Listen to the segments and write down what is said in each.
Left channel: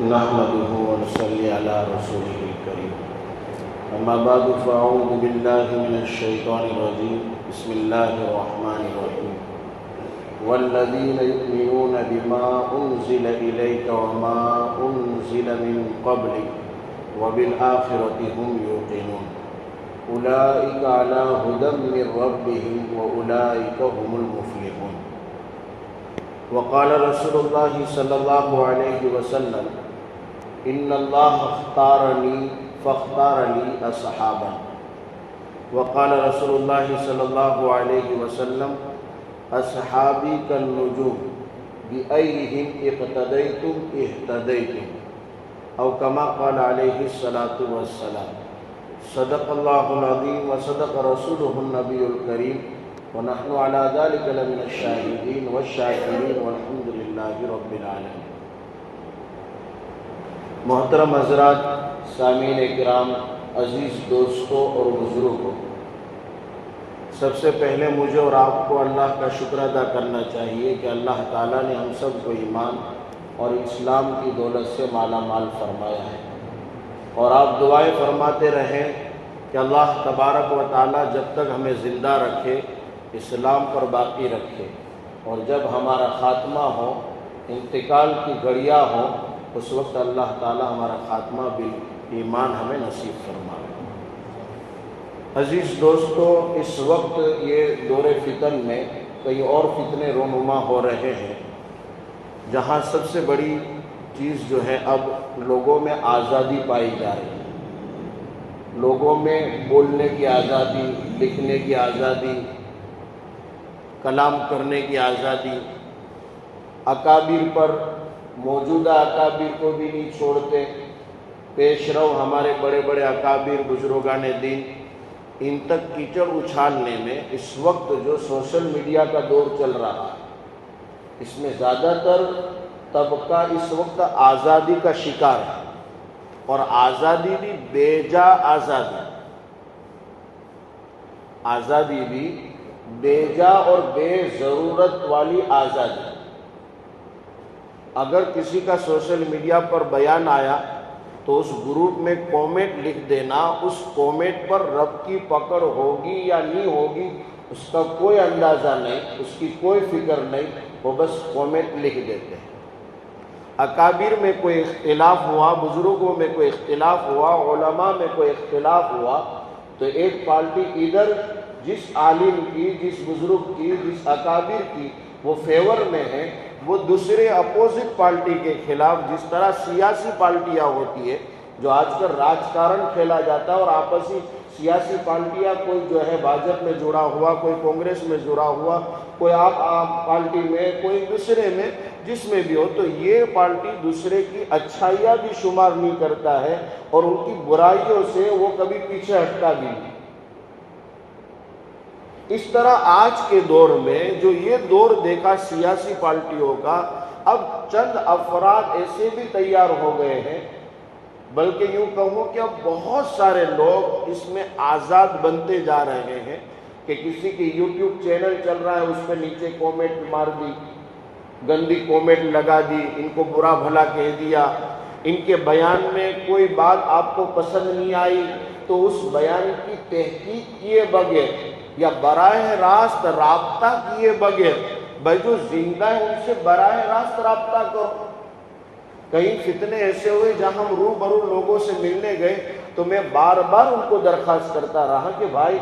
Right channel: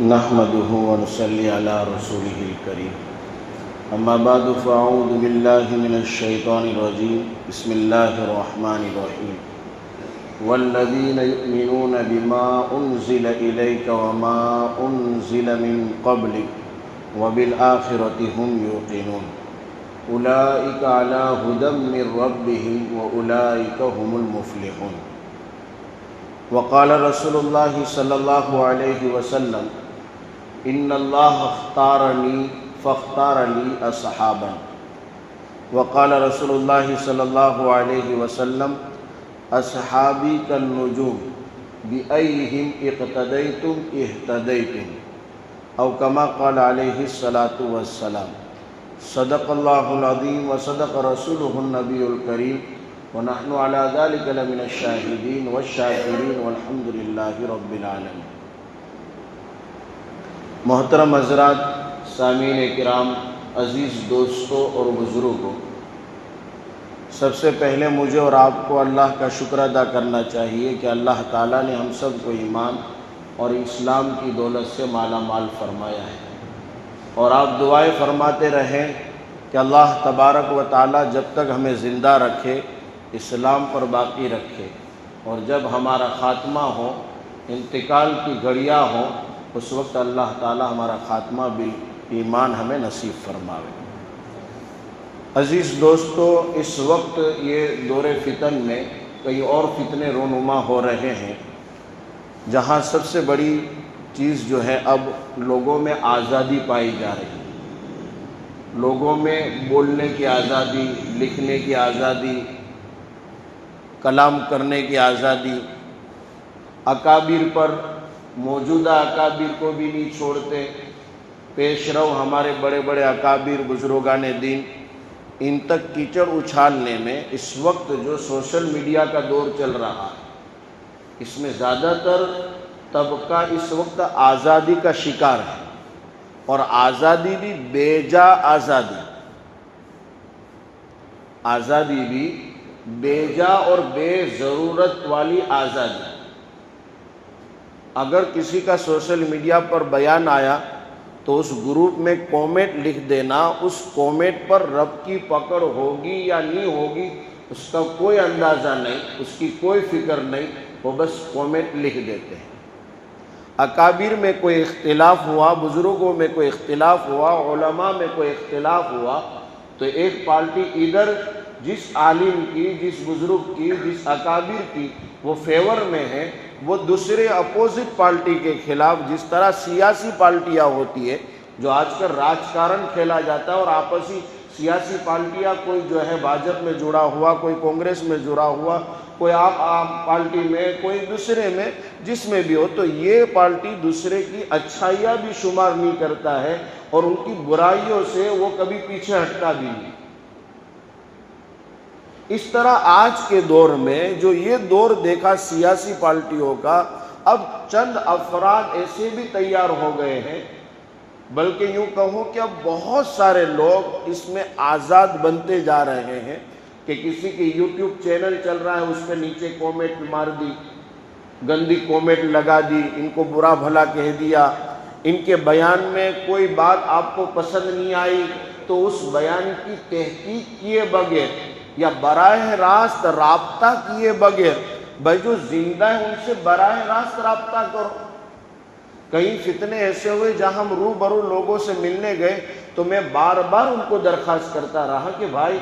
نحمده ونصلي على رسوله الكريم اما بعد فاعوذ بالله من الشيطان الرجيم بسم الله الرحمن الرحيم والذين يؤمنون بما أنزل إليك وما أنزل من قبلك وبالآخرة هم يوقنون أولئك على هدى من ربهم وأولئك هم المفلحون وقال رسول الله صلى الله عليه وسلم إن الله اختارني فاختار لي أصحابا وقال رسول الله صلى الله عليه وسلم أصحابي كالنجوم بأيهم اقتديتم اهتديتم أو كما قال عليه الصلاة والسلام صدق الله العظيم وصدق رسوله النبي الكريم ونحن على ذلك لمن الشاهدين والشاكرين والحمد لله رب العالمين۔ محترم حضرات، سامعین کرام، عزیز دوستوں اور بزرگوں، سب سے پہلے مجھے اور آپ کو اللہ کا شکر ادا کرنا چاہیے کہ اللہ تعالیٰ نے ہم سب کو ایمان اور اسلام کی دولت سے مالا مال فرمایا ہے، اور آپ دعائیں فرماتے رہیں کہ اللہ تبارک و تعالیٰ جب تک ہمیں زندہ رکھے اسلام پر باقی رکھے، اور جب ہمارا خاتمہ ہو، انتقال کی گھڑیاں ہو، اس وقت اللہ تعالیٰ ہمارا خاتمہ بالایمان ہمیں نصیب فرمائے۔ عزیز دوستو، اس وقت یہ دور فتن میں کئی اور فتنے رونما ہو رہے ہیں، جہاں سب سے بڑی چیز جو ہے اب لوگوں میں آزادی پائی جا رہی ہے، لوگوں میں بولنے کی آزادی، لکھنے کی آزادی، کلام کرنے کی آزادی، اکابر پر، موجودہ اکابر کو بھی نہیں چھوڑتے، پیش رو ہمارے بڑے بڑے اکابر بزرگان دین، ان تک کیچڑ اچھالنے میں اس وقت جو سوشل میڈیا کا دور چل رہا ہے، اس میں زیادہ تر طبقہ اس وقت آزادی کا شکار ہے، اور آزادی بھی بے جا آزادی، آزادی بھی بے جا اور بے ضرورت والی آزادی۔ اگر کسی کا سوشل میڈیا پر بیان آیا تو اس گروپ میں کومنٹ لکھ دینا، اس کومنٹ پر رب کی پکڑ ہوگی یا نہیں ہوگی اس کا کوئی اندازہ نہیں، اس کی کوئی فکر نہیں، وہ بس کومنٹ لکھ دیتے ہیں۔ اکابر میں کوئی اختلاف ہوا، بزرگوں میں کوئی اختلاف ہوا، علماء میں کوئی اختلاف ہوا، تو ایک پارٹی ادھر جس عالم کی، جس بزرگ کی، جس اکابر کی وہ فیور میں ہے، وہ دوسرے اپوزٹ پارٹی کے خلاف، جس طرح سیاسی پارٹیاں ہوتی ہے جو آج کل راجکارن کھیلا جاتا ہے، اور آپسی سیاسی پارٹیاں، کوئی جو ہے بھاجپ میں جڑا ہوا، کوئی کانگریس میں جڑا ہوا، کوئی آپ پارٹی میں، کوئی دوسرے میں، جس میں بھی ہو، تو یہ پارٹی دوسرے کی اچھائیاں بھی شمار نہیں کرتا ہے، اور ان کی برائیوں سے وہ کبھی پیچھے ہٹتا بھی نہیں۔ اس طرح آج کے دور میں جو یہ دور دیکھا سیاسی پارٹیوں کا، اب چند افراد ایسے بھی تیار ہو گئے ہیں، بلکہ یوں کہوں کہ اب بہت سارے لوگ اس میں آزاد بنتے جا رہے ہیں کہ کسی کی یوٹیوب چینل چل رہا ہے، اس پہ نیچے کومنٹ مار دی، گندی کومنٹ لگا دی، ان کو برا بھلا کہہ دیا، ان کے بیان میں کوئی بات آپ کو پسند نہیں آئی تو اس بیان کی تحقیق کیے بغیر یا براہ راست رابطہ کیے بغیر، بھائی جو زندہ ہے ان سے براہ راست رابطہ کرو۔ کئی فتنے ایسے ہوئے جہاں ہم روبرو لوگوں سے ملنے گئے تو میں بار بار ان کو درخواست کرتا رہا کہ بھائی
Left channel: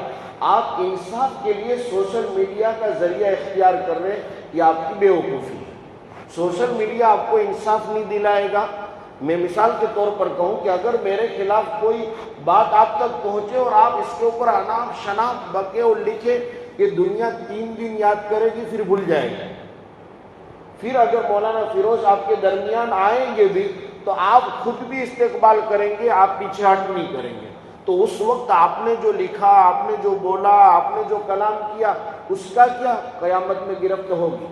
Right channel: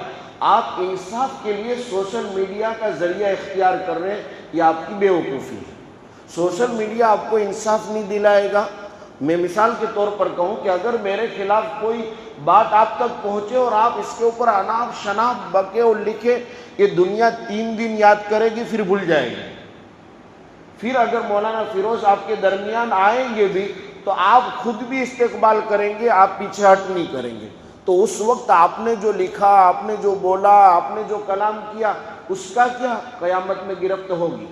آپ انصاف کے لیے سوشل میڈیا کا ذریعہ اختیار کر رہے ہیں، یہ آپ کی بے وقوفی ہے۔ سوشل میڈیا آپ کو انصاف نہیں دلائے گا۔ میں مثال کے طور پر کہوں کہ اگر میرے خلاف کوئی بات آپ تک پہنچے اور آپ اس کے اوپر اناپ شناپ بکے اور لکھے کہ دنیا 3 دن یاد کرے گی پھر بھول جائے گی، پھر اگر مولانا فیروز آپ کے درمیان آئیں گے بھی تو آپ خود بھی استقبال کریں گے، آپ پیچھے ہٹ نہیں کریں گے، تو اس وقت آپ نے جو لکھا، آپ نے جو بولا، آپ نے جو کلام کیا، اس کا کیا قیامت میں گرفت ہوگی؟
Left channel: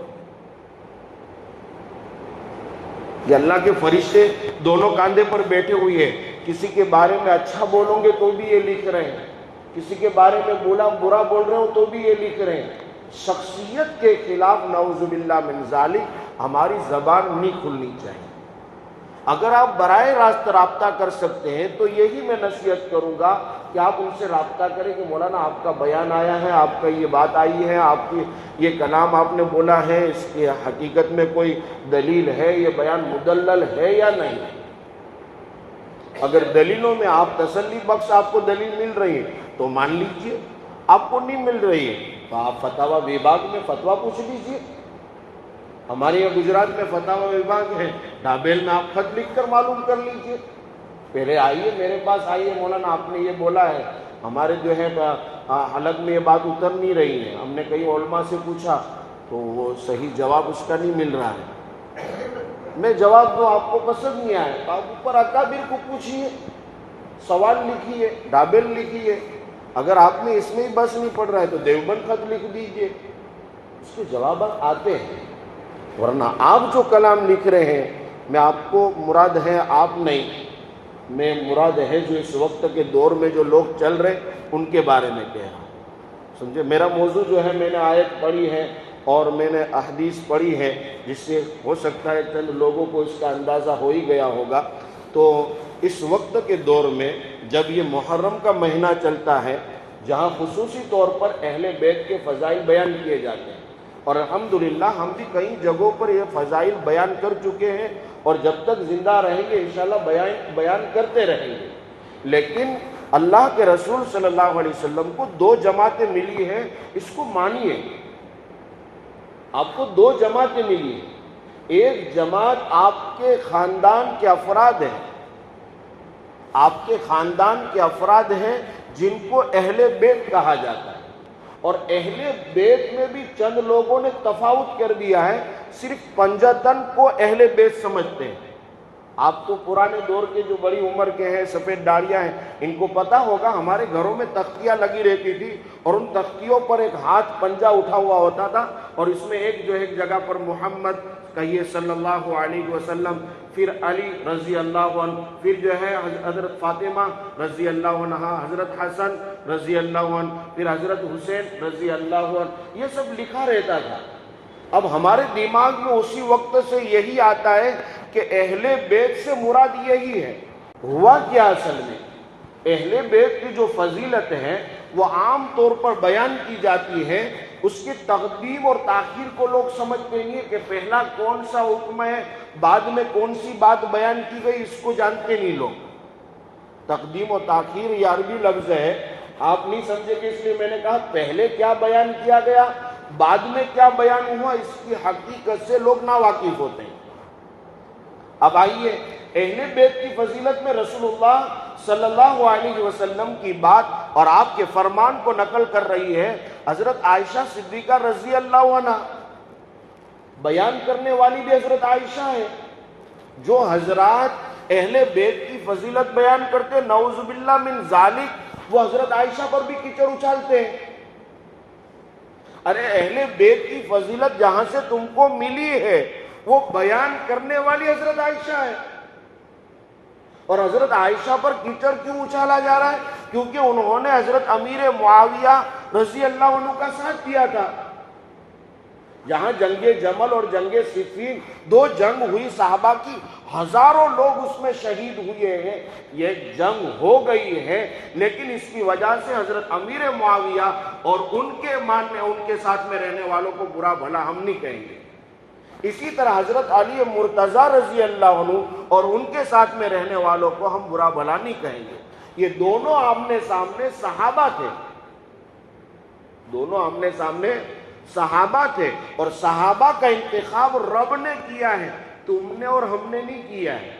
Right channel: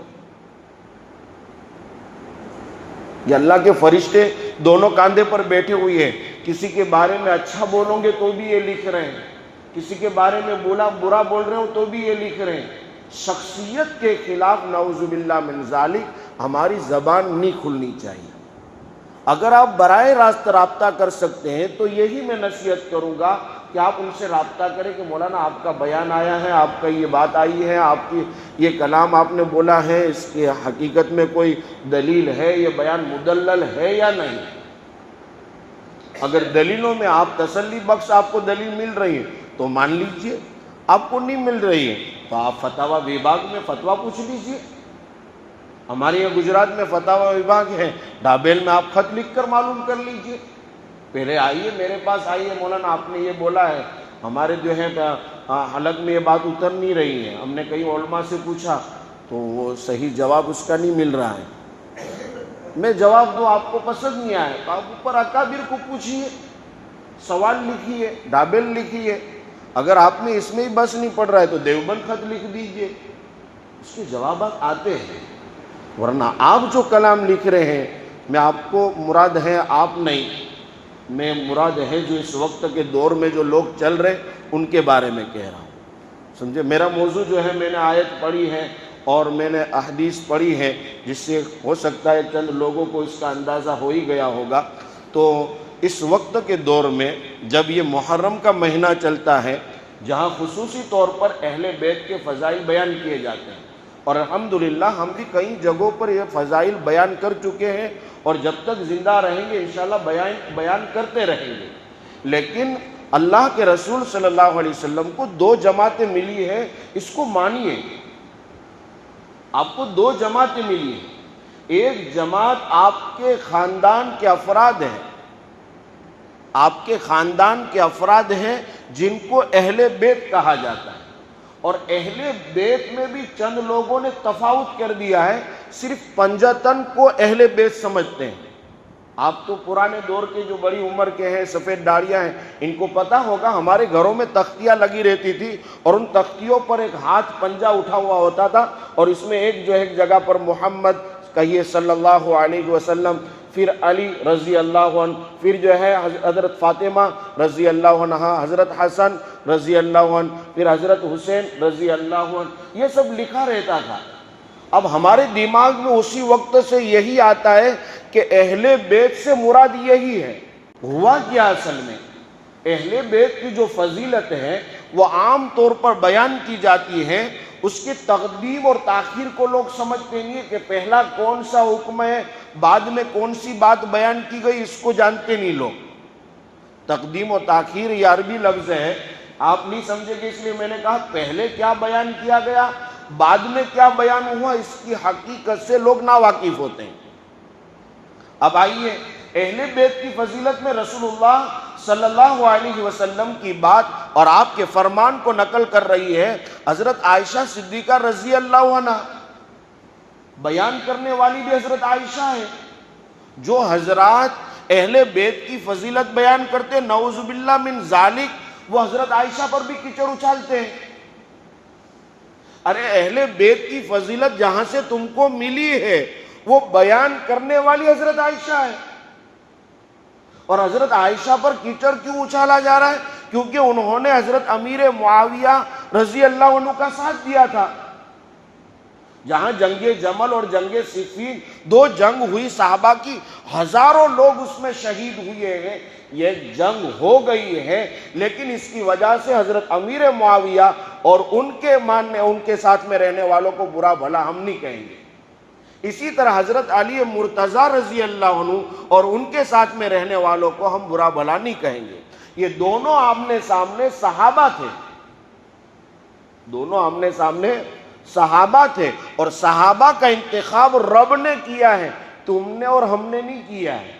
یہ اللہ کے فرشتے دونوں کاندھے پر بیٹھے ہوئے ہیں، کسی کے بارے میں اچھا بولو گے تو بھی یہ لکھ رہے ہیں، کسی کے بارے میں برا بول رہے ہو تو بھی یہ لکھ رہے ہیں۔ شخصیت کے خلاف نعوذ باللہ من ذالک ہماری زبان نہیں کھلنی چاہیے۔ اگر آپ براہ راست رابطہ کر سکتے ہیں تو یہی میں نصیحت کروں گا کہ آپ ان سے رابطہ کریں کہ مولانا آپ کا بیان آیا ہے، آپ کا یہ بات آئی ہے، آپ کی یہ کلام آپ نے بولا ہے، اس کی حقیقت میں کوئی دلیل ہے، یہ بیان مدلل ہے یا نہیں؟ اگر دلیلوں میں آپ تسلی بخش آپ کو دلیل مل رہی ہے تو مان لیجئے، آپ کو نہیں مل رہی ہے تو آپ فتاوی وبھاگ میں فتویٰ پوچھ لیجئے۔ ہمارے یہاں گجرات میں فتاوی وبھاگ ہے، ڈھابیل میں آپ خط لکھ کر معلوم کر لیجئے، پہلے آئیے میرے پاس آئیے، مولانا آپ نے یہ بولا ہے، ہمارے جو ہے حلق میں یہ بات اتر نہیں رہی ہے، ہم نے کئی علماء سے پوچھا تو وہ صحیح جواب اس کا نہیں مل رہا ہے، میں جواب دوں آپ کو پسند نہیں آئے تو آپ اوپر اکابر کو پوچھیے، سوال لکھیے، ڈھابیل لکھیے، اگر آپ میں اس میں ہی بس نہیں پڑ رہا ہے تو دیوبند خط لکھ دیجئے، اس کے جوابات آتے ہیں۔ ورنہ آپ جو کلام لکھ رہے ہیں، میں آپ کو مراد ہے آپ نہیں، میں مراد ہے جو اس وقت کے دور میں جو لوگ چل رہے ان کے بارے میں کہہ رہا ہوں، سمجھے؟ میرا موضوع جو ہے میں نے آیت پڑھی ہے اور میں نے احادیث پڑھی ہے، جس سے ہو سکتا ہے چند لوگوں کو اس کا اندازہ ہو ہی گیا ہوگا۔ تو اس وقت کے دور میں جب یہ محرم کا مہینہ چلتا ہے، جہاں خصوصی طور پر اہل بیت کے فضائل بیان کیے جاتے ہیں، اور الحمدللہ ہم بھی کئی جگہوں پر یہ فضائل بیان کر چکے ہیں اور جب تک زندہ رہیں گے انشاءاللہ بیان کرتے رہیں گے، لیکن اللہ کے رسول صلی اللہ علیہ وسلم کو 2 جماعتیں ملی ہیں، اس کو مانیے، آپ کو 2 جماعتیں ملی ہیں۔ ایک جماعت آپ کے خاندان کے افراد ہیں، آپ کے خاندان کے افراد ہیں جن کو اہل بیت کہا جاتا ہے، اور اہل بیت میں بھی چند لوگوں نے تفاوت کر دیا ہے، صرف پنجتن کو اہل بیت سمجھتے ہیں۔ آپ تو پرانے دور کے جو بڑی عمر کے ہیں، سفید داڑیاں ہیں، ان کو پتہ ہوگا ہمارے گھروں میں تختیاں لگی رہتی تھی اور ان تختیوں پر ایک ہاتھ پنجہ اٹھا ہوا ہوتا تھا اور اس میں ایک جگہ پر محمد کہیے صلی اللہ علیہ وسلم، پھر علی رضی اللہ عنہ، پھر جو ہے حضرت فاطمہ رضی اللہ عنہ، حضرت حسن رضی اللہ عنہ، پھر حضرت حسین رضی اللہ عنہ، یہ سب لکھا رہتا تھا۔ اب ہمارے دماغ میں اسی وقت سے یہی آتا ہے کہ اہل بیت سے مراد یہی ہے۔ ہوا کیا اصل میں؟ اہل بیت کی جو فضیلت ہے وہ عام طور پر بیان کی جاتی ہے، اس کی تقدیم اور تاخیر کو لوگ سمجھتے نہیں کہ پہلا کون سا حکم ہے، بعد میں کون سی بات بیان کی گئی، اس کو جانتے نہیں لوگ۔ تقدیم و تاخیر یہ عربی لفظ ہے، آپ نہیں سمجھے کہ اس لیے میں نے کہا پہلے کیا بیان کیا گیا، بعد میں کیا بیان ہوا، اس کی حقیقت سے لوگ ناواقف ہوتے ہیں۔ اب آئیے اہل بیت کی فضیلت میں رسول اللہ صلی اللہ علیہ وسلم کی بات اور آپ کے فرمان کو نقل کر رہی ہے حضرت عائشہ صدیقہ رضی اللہ عنہ، بیان کرنے والی بھی حضرت عائشہ ہے۔ جو حضرات اہل بیت کی فضیلت بیان کرتے نعوذ باللہ من ذالک، وہ حضرت عائشہ پر بھی کیچڑ اچھالتے ہیں۔ ارے اہل بیت کی فضیلت جہاں سے تم کو ملی ہے وہ بیان کرنے والی حضرت عائشہ ہے، اور حضرت عائشہ پر کیچڑ کیوں اچھالا جا رہا ہے؟ کیونکہ انہوں نے حضرت امیر معاویہ رضی اللہ عنہ کا ساتھ دیا تھا۔ جہاں جنگ جمل اور جنگ صفین 2 جنگ ہوئی، صحابہ کی ہزاروں لوگ اس میں شہید ہوئے ہیں، یہ جنگ ہو گئی ہے، لیکن اس کی وجہ سے حضرت امیر معاویہ اور ان کے ساتھ میں رہنے والوں کو برا بھلا ہم نہیں کہیں گے۔ اسی طرح حضرت علی مرتضی رضی اللہ عنہ اور ان کے ساتھ میں رہنے والوں کو ہم برا بھلا نہیں کہیں گے۔ یہ دونوں آمنے سامنے صحابہ تھے، دونوں آمنے سامنے صحابہ تھے، اور صحابہ کا انتخاب رب نے کیا ہے، تم نے اور ہم نے نہیں کیا ہے۔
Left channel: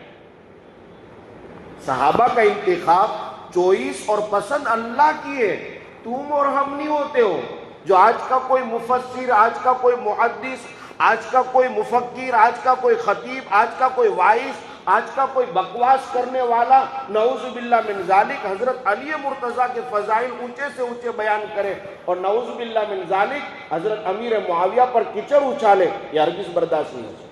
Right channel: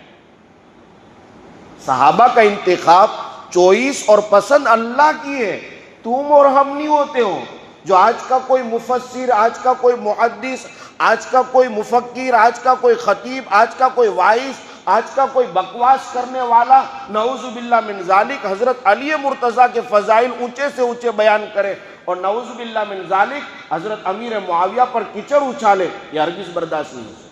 صحابہ کا انتخاب، چوائس اور پسند اللہ کی ہے، تم اور ہم نہیں ہوتے ہو۔ جو آج کا کوئی مفسر، آج کا کوئی محدث، آج کا کوئی مفکر، آج کا کوئی خطیب، آج کا کوئی وائس، آج کا کوئی بکواس کرنے والا نعوذ باللہ من ذالک حضرت علی مرتضیٰ کے فضائل اونچے سے اونچے بیان کرے اور نعوذ باللہ من ذالک حضرت امیر معاویہ پر کیچڑ اچھالے، یہ ہرگز برداشت نہیں ہے۔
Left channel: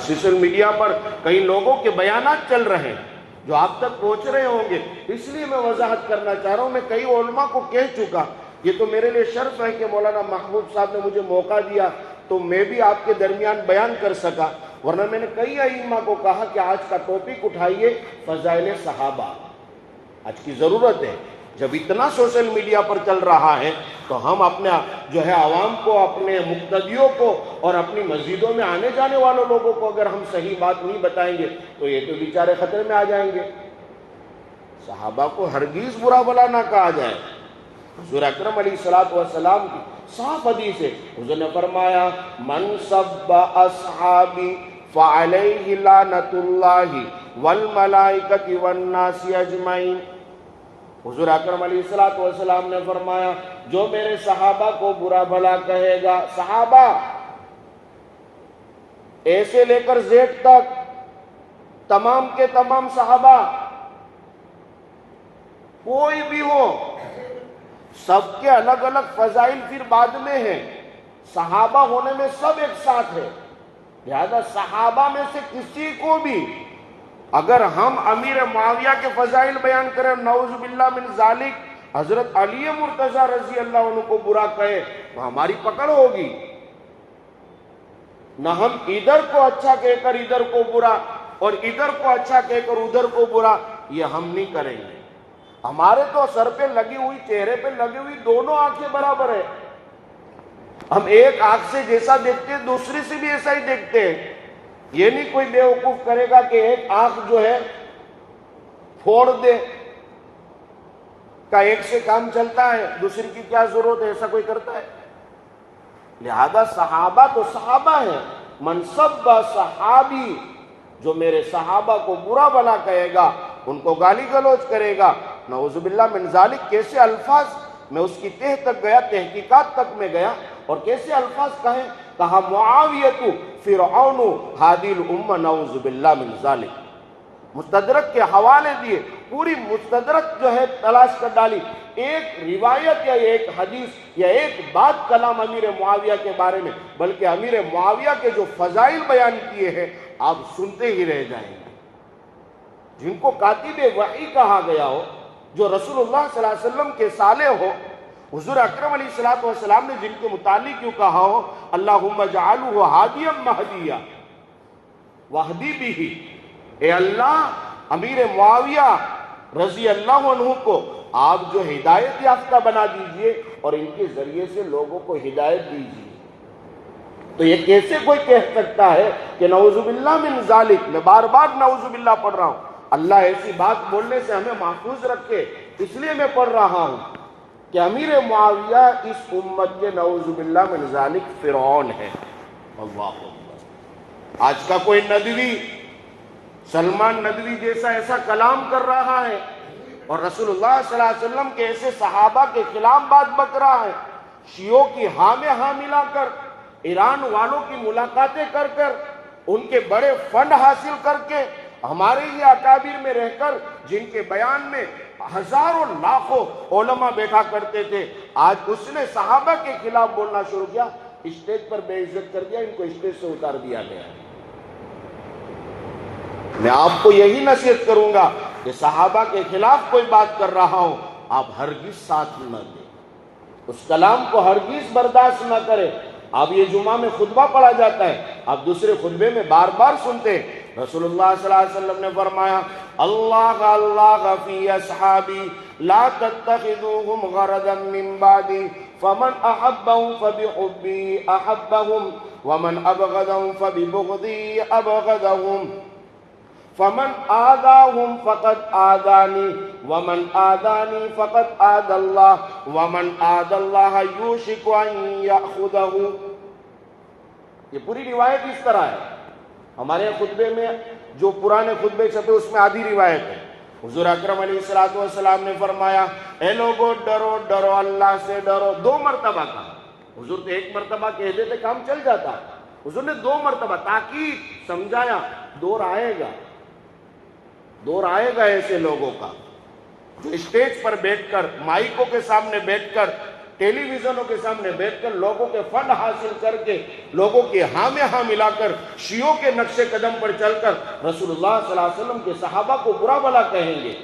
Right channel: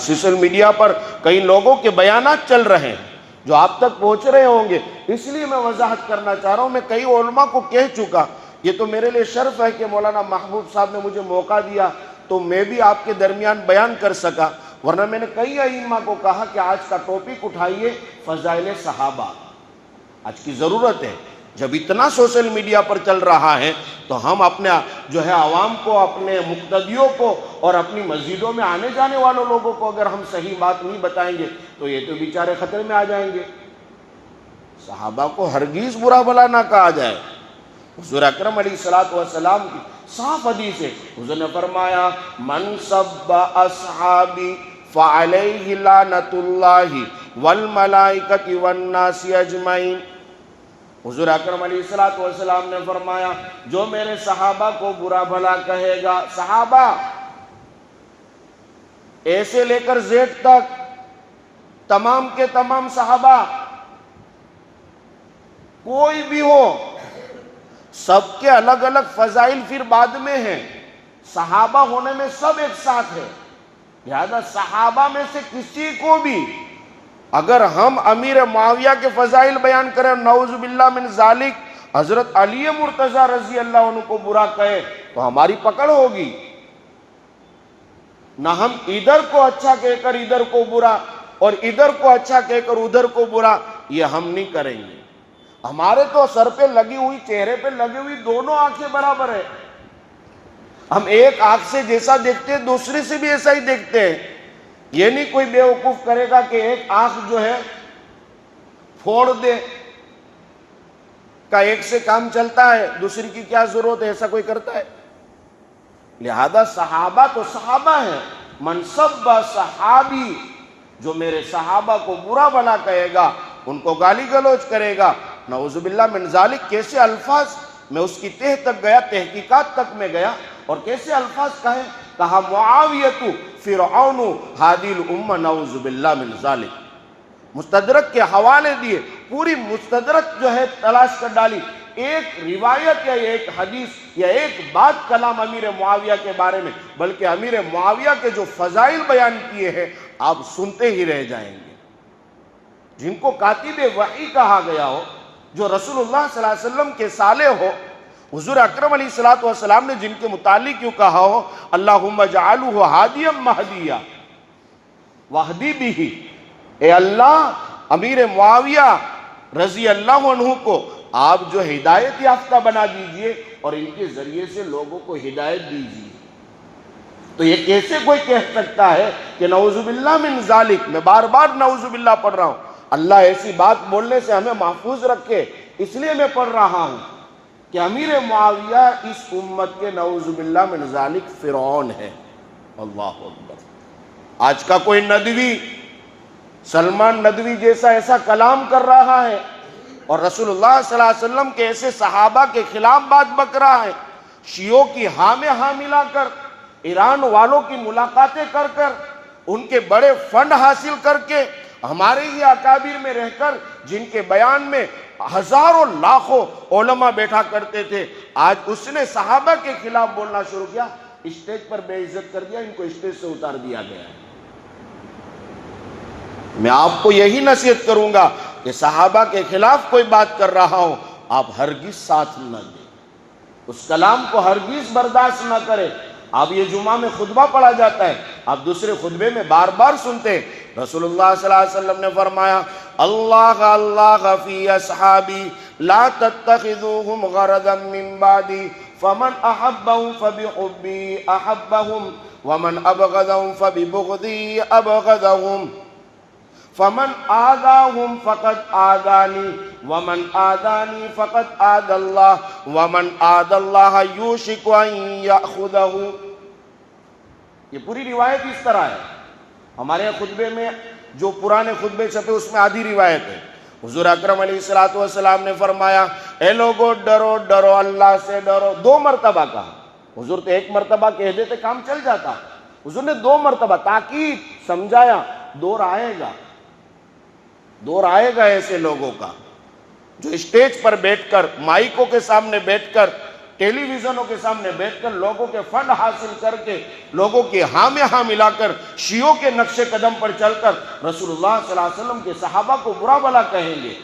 سوشل میڈیا پر کئی لوگوں کے بیانات چل رہے ہیں جو آپ تک پہنچ رہے ہوں گے، اس لیے میں وضاحت کرنا چاہ رہا ہوں۔ میں کئی علماء کو کہہ چکا، یہ تو میرے لیے شرف ہے کہ مولانا محبوب صاحب نے مجھے موقع دیا تو میں بھی آپ کے درمیان بیان کر سکا، ورنہ میں نے کئی ائمہ کو کہا کہ آج کا ٹاپک اٹھائیے فضائل صحابہ۔ آج کی ضرورت ہے، جب اتنا سوشل میڈیا پر چل رہا ہے تو ہم اپنے جو ہے عوام کو، اپنے مقتدیوں کو اور اپنی مسجدوں میں آنے جانے والوں لوگوں کو اگر ہم صحیح بات نہیں بتائیں گے تو یہ تو بیچارے خطرے میں آ جائیں گے۔ صحابہ کو ہرگز برا بھلا نہ کہا جائے۔ حضور اکرم علیہ السلام کی صاف حدیث ہے، حضور نے فرمایا من سب اصحابی فعلیہ لعنت اللہ والملائکۃ والناس اجمعین۔ حضور اکرم علیہ السلام نے فرمایا جو میرے صحابہ کو برا بھلا کہے گا، صحابہ ایسے لے کر زیڈ تک تمام کے تمام صحابہ کوئی بھی ہو، سب کے الگ الگ فضائل پھر بعد میں ہیں، صحابہ ہونے میں سب ایک ساتھ ہے۔ لہذا صحابہ میں سے کسی کو بھی اگر ہم امیر معاویہ کے فضائل بیان کریں، نعوذ باللہ من ذالک حضرت علی مرتضیٰ رضی اللہ عنہ کو برا کہے تو ہماری پکڑ ہوگی۔ نہ ہم ادھر کو اچھا کہہ کر ادھر کو برا اور ادھر کو اچھا کہہ کر ادھر کو برا، یہ ہم نہیں کریں گے۔ ہمارے تو سر پہ لگی ہوئی، چہرے پہ لگی ہوئی دونوں آنکھیں برابر ہے، ہم ایک آنکھ سے جیسا دیکھتے ہیں دوسری سے بھی ایسا ہی دیکھتے ہیں۔ یہ نہیں کوئی بے وقوف کرے گا کہ ایک آنکھ جو ہے پھوڑ دے کا ایک سے کام چلتا ہے، دوسری کی کیا ضرورت ہے، ایسا کوئی کرتا ہے؟ لہذا صحابہ تو صحابہ ہیں۔ منصب صحابی، جو میرے صحابہ کو برا بھلا کہے گا، ان کو گالی گلوچ کرے گا، نعوذ باللہ من ذالک، کیسے الفاظ، میں اس کی تہ تک گیا، تحقیقات تک میں گیا، اور کیسے الفاظ کہا معاویۃ فرعون ہادی الامہ نعوذ باللہ من ذالک۔ مستدرک کے حوالے دیے، پوری مستدرک جو ہے تلاش کر ڈالی، ایک روایت یا ایک حدیث یا ایک بات کلام امیر معاویہ کے بارے میں، بلکہ امیر معاویہ کے جو فضائل بیان کیے ہیں آپ سنتے ہی رہ جائیں گے۔ جن کو کاتب وحی کہا گیا ہو، جو رسول اللہ صلی اللہ علیہ وسلم کے صالح ہو، حضور اکرم علیہ السلام نے جن کے متعلق کیوں کہا ہو اللہم اجعلہ ہادیا مہدیا واہدی بھی، اے اللہ امیر معاویہ رضی اللہ عنہ کو آپ جو ہدایت یافتہ بنا دیجئے اور ان کے ذریعے سے لوگوں کو ہدایت دیجئے۔ تو یہ کیسے کوئی کہہ سکتا ہے کہ نعوذ باللہ من ذالک، میں بار بار نعوذ باللہ پڑھ رہا ہوں، اللہ ایسی بات بولنے سے ہمیں محفوظ رکھے، اس لیے میں پڑھ رہا ہوں کہ امیر معاویہ اس امت کے نعوذ باللہ من ذالک فرعون ہے۔ اللہ اکبر۔ آج کا کوئی ندوی، سلمان ندوی جیسا ایسا کلام کر رہا ہے اور رسول اللہ صلی اللہ علیہ وسلم کے ایسے صحابہ کے خلاف بات بک رہا ہے، شیعوں کی ہاں میں ہاں ملا کر، ایران والوں کی ملاقاتیں کر کر، ان کے بڑے فنڈ حاصل کر کے، ہمارے ہی اکابر میں رہ کر جن کے بیان میں ہزاروں لاکھوں علماء بیٹھا کرتے تھے، آج اس نے صحابہ کے خلاف بولنا شروع کیا، اسٹیج پر بے عزت کر دیا، ان کو اسٹیج سے اتار دیا گیا۔ میں آپ کو یہی نصیحت کروں گا کہ صحابہ کے خلاف کوئی بات کر رہا ہو آپ ہرگز ساتھ نہ دیں، اس کلام کو ہرگز برداشت نہ کریں۔ اب یہ جمعہ میں خطبہ پڑھا جاتا ہے، آپ دوسرے خطبے میں بار بار سنتے ہیں، رسول اللہ صلی اللہ علیہ وسلم نے فرمایا اللہ اللہ فی اصحابی لا تتخذوہم غرضا من بعدی فمن احبہم فبحبی احبہم ومن ابغضہم فببغضی ابغضہم فمن آذاہم فقد آذانی ومن آذانی فقد آذ اللہ ومن آذ اللہ یوشک ان یأخذہ۔ یہ پوری روایت اس طرح ہے، ہمارے خطبے میں جو پرانے خطبے چھپے اس میں آدھی روایت ہے۔ حضور اکرم علیہ السلام نے فرمایا اے لوگو ڈرو ڈرو اللہ سے ڈرو، 2 مرتبہ کہا۔ حضور تو 1 مرتبہ کہہ دیتے کام چل جاتا، حضور نے 2 مرتبہ تاکید سمجھایا، دور آئے گا ایسے لوگوں کا جو اسٹیج پر بیٹھ کر، مائکوں کے سامنے بیٹھ کر، ٹیلی ویژنوں کے سامنے بیٹھ کر لوگوں کے فنڈ حاصل کر کے، لوگوں کے ہاں میں ہاں ملا کر، شیعوں کے نقش قدم پر چل کر رسول اللہ صلی اللہ علیہ وسلم کے صحابہ کو برا بھلا کہیں گے۔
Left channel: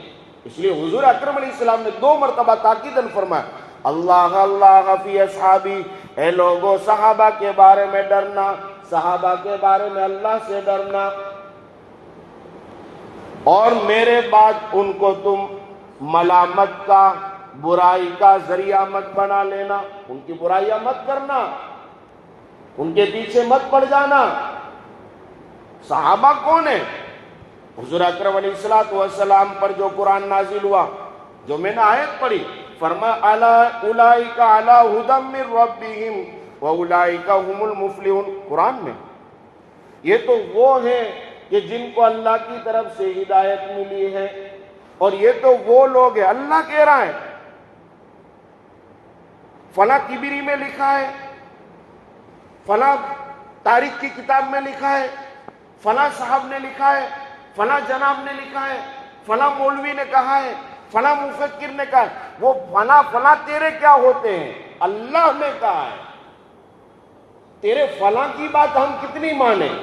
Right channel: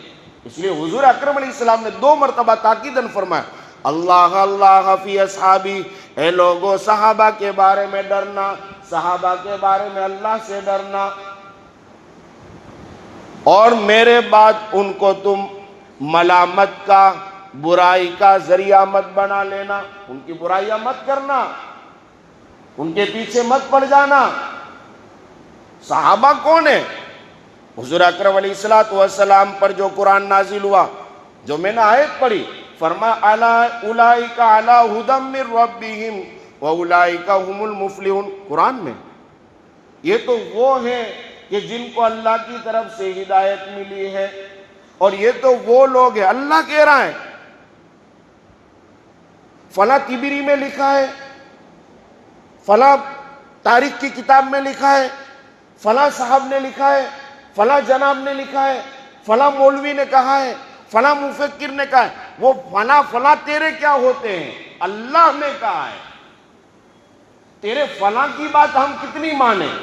اس لیے حضور اکرم علیہ السلام نے 2 مرتبہ تاکیداً فرمایا اللہ اللہ فی اصحابی، اے لوگوں صحابہ کے بارے میں ڈرنا، صحابہ کے بارے میں اللہ سے ڈرنا، اور میرے بعد ان کو تم ملامت کا، برائی کا ذریعہ مت بنا لینا، ان کی برائیاں مت کرنا، ان کے پیچھے مت پڑ جانا۔ صحابہ کون ہیں؟ حضور اکرم علیہ السلام پر جو قرآن نازل ہوا، جو میں نے آیت پڑھی، فرمایا اولئک علی ھدی من ربہم واولئک ھم المفلحون، قرآن میں یہ تو وہ ہیں کہ جن کو اللہ کی طرف سے ہدایت ملی ہے، اور یہ تو وہ لوگ ہیں، اللہ کہہ رہا ہے، فلاں تبری میں لکھا ہے، فلاں تاریخ کی کتاب میں لکھا ہے، فلاں صاحب نے لکھا ہے، فلاں جناب نے لکھا ہے، فلاں مولوی نے کہا ہے، فلاں مفکر نے کہا ہے، وہ فلاں تیرے کیا ہوتے ہیں؟ اللہ نے کہا ہے۔ تیرے فلاں کی بات ہم کتنی مانیں؟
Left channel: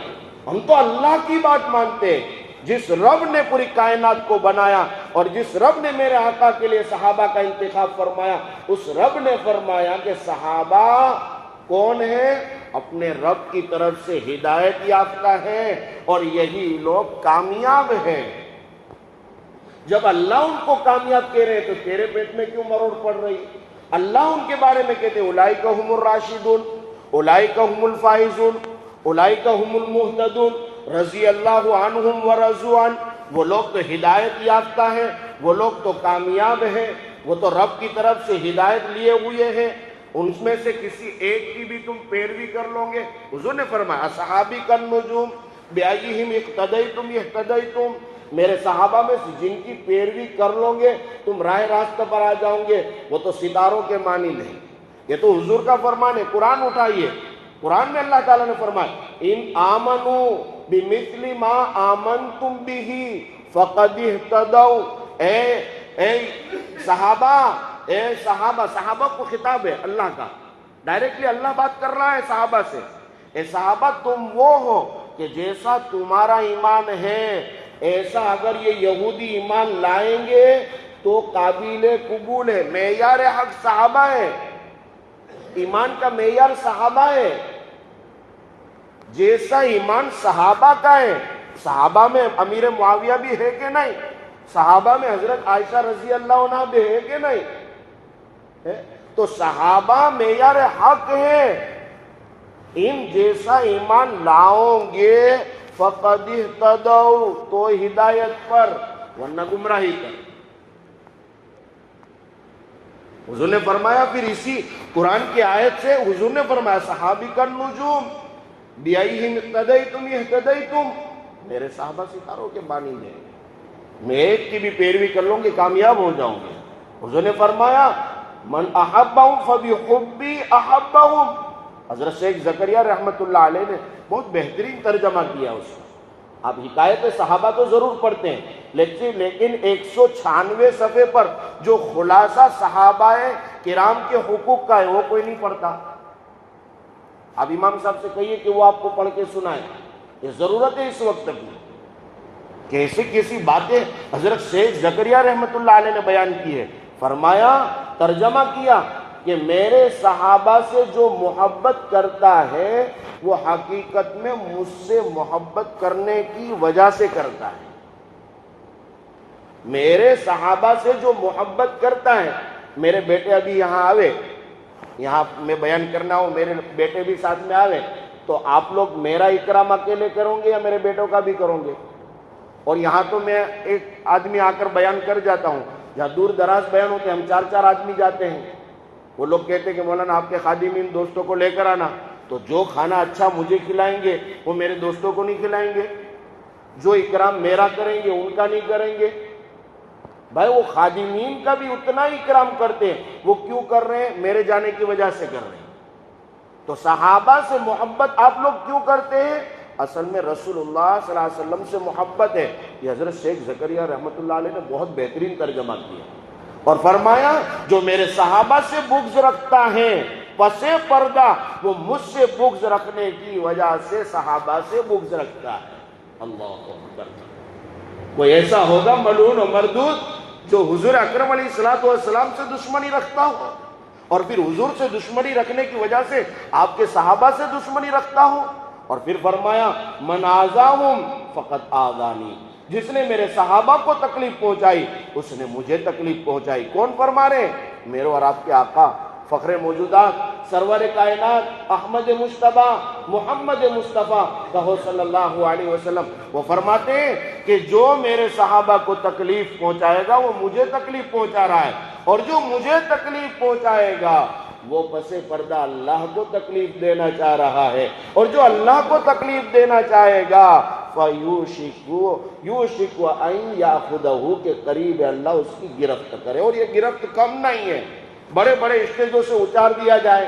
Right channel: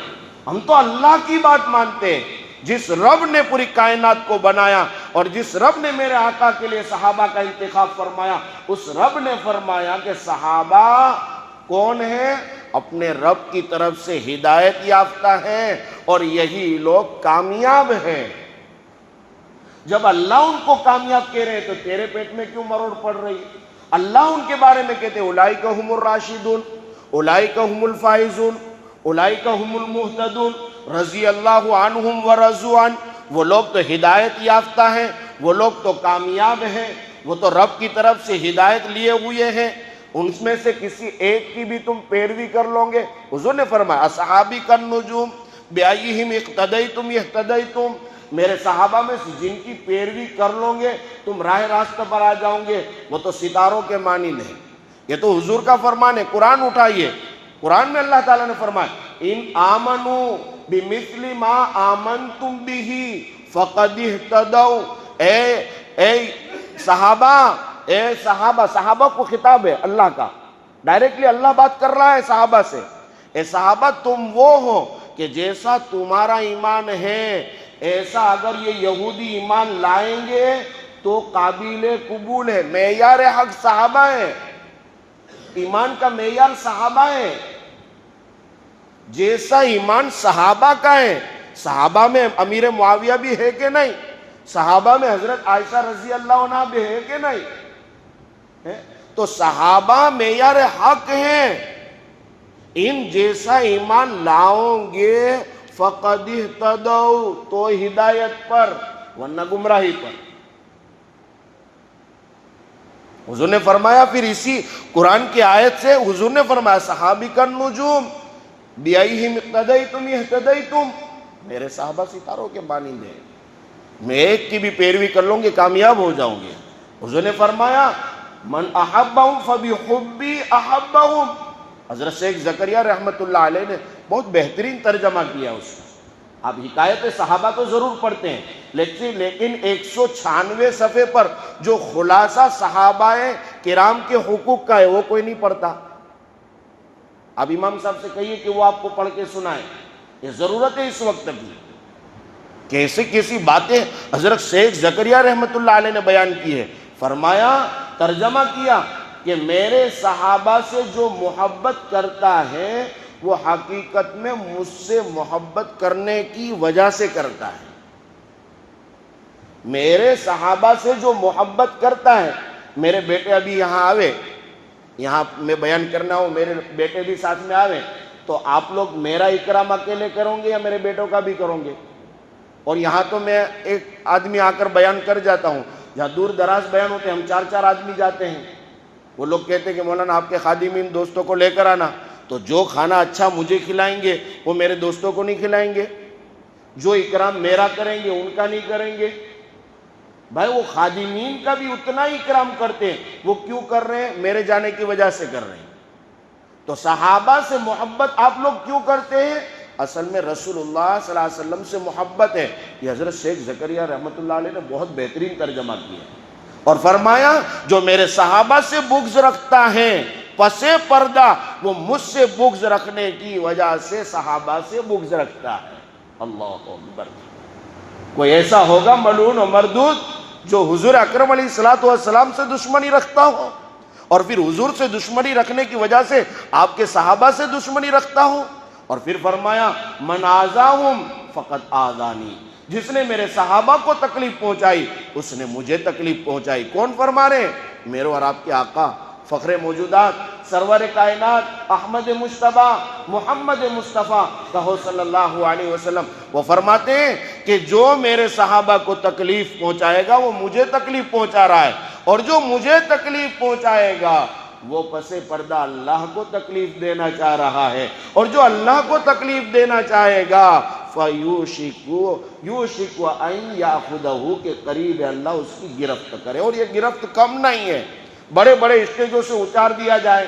ہم تو اللہ کی بات مانتے ہیں۔ جس رب نے پوری کائنات کو بنایا اور جس رب نے میرے آقا کے لیے صحابہ کا انتخاب فرمایا، اس رب نے فرمایا کہ صحابہ کون ہیں؟ اپنے رب کی طرف سے ہدایت یافتہ ہیں، اور یہی لوگ کامیاب ہیں۔ جب اللہ ان کو کامیاب کہہ رہے تو تیرے پیٹ میں کیوں مرور پڑ رہی؟ اللہ ان کے بارے میں کہتے اولئک ھم الراشدون، اولئک ھم الفائزون، اولئک ھم المہتدون، رضی اللہ عنہم ورضوا عنہ، وہ لوگ تو ہدایت یافتہ ہیں، وہ لوگ تو کامیاب ہیں، وہ تو رب کی طرف سے ہدایت لیے ہوئے ہیں۔ ان میں سے کسی ایک کی بھی تم پیروی کر لو گے، حضور نے فرمایا اصحابی کالنجوم بأیہم اقتدیتم اہتدیتم، میرے صحابہ میں سے جن کی پیروی کر لو گے تم راہ راستہ پر آ جاؤ گے، وہ تو ستاروں کے مانند ہیں۔ یہ تو حضور کا فرمان ہے، قرآن اٹھائیے، قرآن میں اللہ تعالیٰ نے فرمایا ان آمنوا بمثل ما آمنتم بہ فقد اہتدوا، اے صحابہ کو خطاب ہے اللہ کا، ڈائریکٹلی اللہ بات کر رہا ہے صحابہ سے، اے صحابہ تم وہ ہو کہ جیسا تمہارا ایمان ہے ایسا اگر یہ یہودی ایمان لائیں گے تو قابل قبول ہے۔ معیار حق صحابہ ہے، ایمان کا معیار صحابہ ہے، جیسا ایمان صحابہ کا ہے۔ صحابہ میں امیر معاویہ بھی ہے کہ نہیں؟ صحابہ میں حضرت عائشہ رضی اللہ عنہ بھی ہے کہ نہیں؟ تو صحابہ معیار حق ہے، ان جیسا ایمان لاؤ گے فقد اہتدوا، تو ہدایت پر، ورنہ گمراہی پر۔ حضور نے فرمایا پھر اسی قرآن کی آیت سے حضور نے فرمایا صحابی کالنجوم بأیہم اقتدیتم اہتدیتم، میرے صحابہ ستاروں کے مانند ہیں، میں ایک کی بھی پیروی کر لوں گے کامیاب ہو جاؤں گے۔ حضور نے فرمایا من احبہم فبحبی احبہم، حضرت شیخ زکریا رحمت اللہ علیہ نے بہت بہترین ترجمہ کیا اس کو۔ آپ حکایت صحابہ تو ضرور پڑھتے ہیں، لیکن 196 صفحے پر جو خلاصہ صحابہ کرام کے حقوق کا ہے وہ کوئی نہیں پڑھتا۔ اب امام صاحب سے کہیے کہ وہ آپ کو پڑھ کے سنائے، یہ ضرورت ہے اس وقت کی۔ کیسے کیسی باتیں حضرت شیخ زکریا رحمت اللہ علیہ نے بیان کی ہے، فرمایا ترجمہ کیا کہ میرے صحابہ سے جو محبت کرتا ہے وہ حقیقت میں مجھ سے محبت کرنے کی وجہ سے کرتا ہے۔ میرے صحابہ سے جو محبت کرتا ہے، میرے بیٹے ابھی یہاں آوے، یہاں میں بیان کرنا ہو، میرے بیٹے بھی ساتھ میں آوے، تو آپ لوگ میرا اکرام اکیلے کرو گے یا میرے بیٹوں کا بھی کرو گے؟ اور یہاں تو میں ایک آدمی آ کر بیان کر جاتا ہوں، جہاں دور دراز بیان ہوتے ہم 4 آدمی جاتے ہیں، وہ لوگ کہتے ہیں کہ مولانا آپ کے خادمین دوستوں کو لے کر آنا، تو جو کھانا اچھا مجھے کھلائیں گے وہ میرے دوستوں کو نہیں کھلائیں گے، جو اکرام میرا کریں گے ان کا نہیں کریں گے۔ بھائی وہ خادمین کا بھی اتنا ہی اکرام کرتے ہیں، وہ کیوں کر رہے ہیں؟ میرے جانے کی وجہ سے کر رہے ہیں۔ تو صحابہ سے محبت آپ لوگ کیوں کرتے ہیں؟ اصل میں رسول اللہ صلی اللہ علیہ وسلم سے محبت ہے۔ یہ حضرت شیخ زکریا رحمت اللہ علیہ نے بہت بہترین ترجمہ کیا اور فرمایا جو میرے صحابہ سے بغض رکھتا ہے پس پردہ وہ مجھ سے بغض رکھنے کی وجہ سے صحابہ سے بغض رکھتا ہے۔ اللہ اکبر۔ کوئی ایسا ہوگا ملعون و مردود جو حضور اکرم علیہ الصلوۃ والسلام سے دشمنی رکھتا ہو؟ اور پھر حضور سے دشمنی رکھنے کی وجہ سے آپ کے صحابہ سے دشمنی رکھتا ہوں. اور پھر فرمایا من آذاہم فقط آذانی، جس نے میرے صحابہ کو تکلیف پہنچائی اس نے مجھے تکلیف پہنچائی. کون فرما رہے؟ میرے اور آپ کے آقا فخر موجودات سرور کائنات احمد مجتبیٰ محمد مصطفیٰ کہو صلی اللہ علیہ وسلم. وہ فرماتے ہیں کہ جو میرے صحابہ کو تکلیف پہنچائے گا وہ مجھے تکلیف پہنچا رہا ہے، اور جو مجھے تکلیف پہنچائے گا وہ پس پردہ اللہ کو تکلیف دینا چاہ رہا ہے، اور جو اللہ کو تکلیف دینا چاہے گا یوشک ان یاخذہ، کے قریب اللہ اس کی گرفت کرے. اور یہ گرفت کم نہیں ہے، بڑے بڑے اسٹیجوں سے اتار دیا جائے،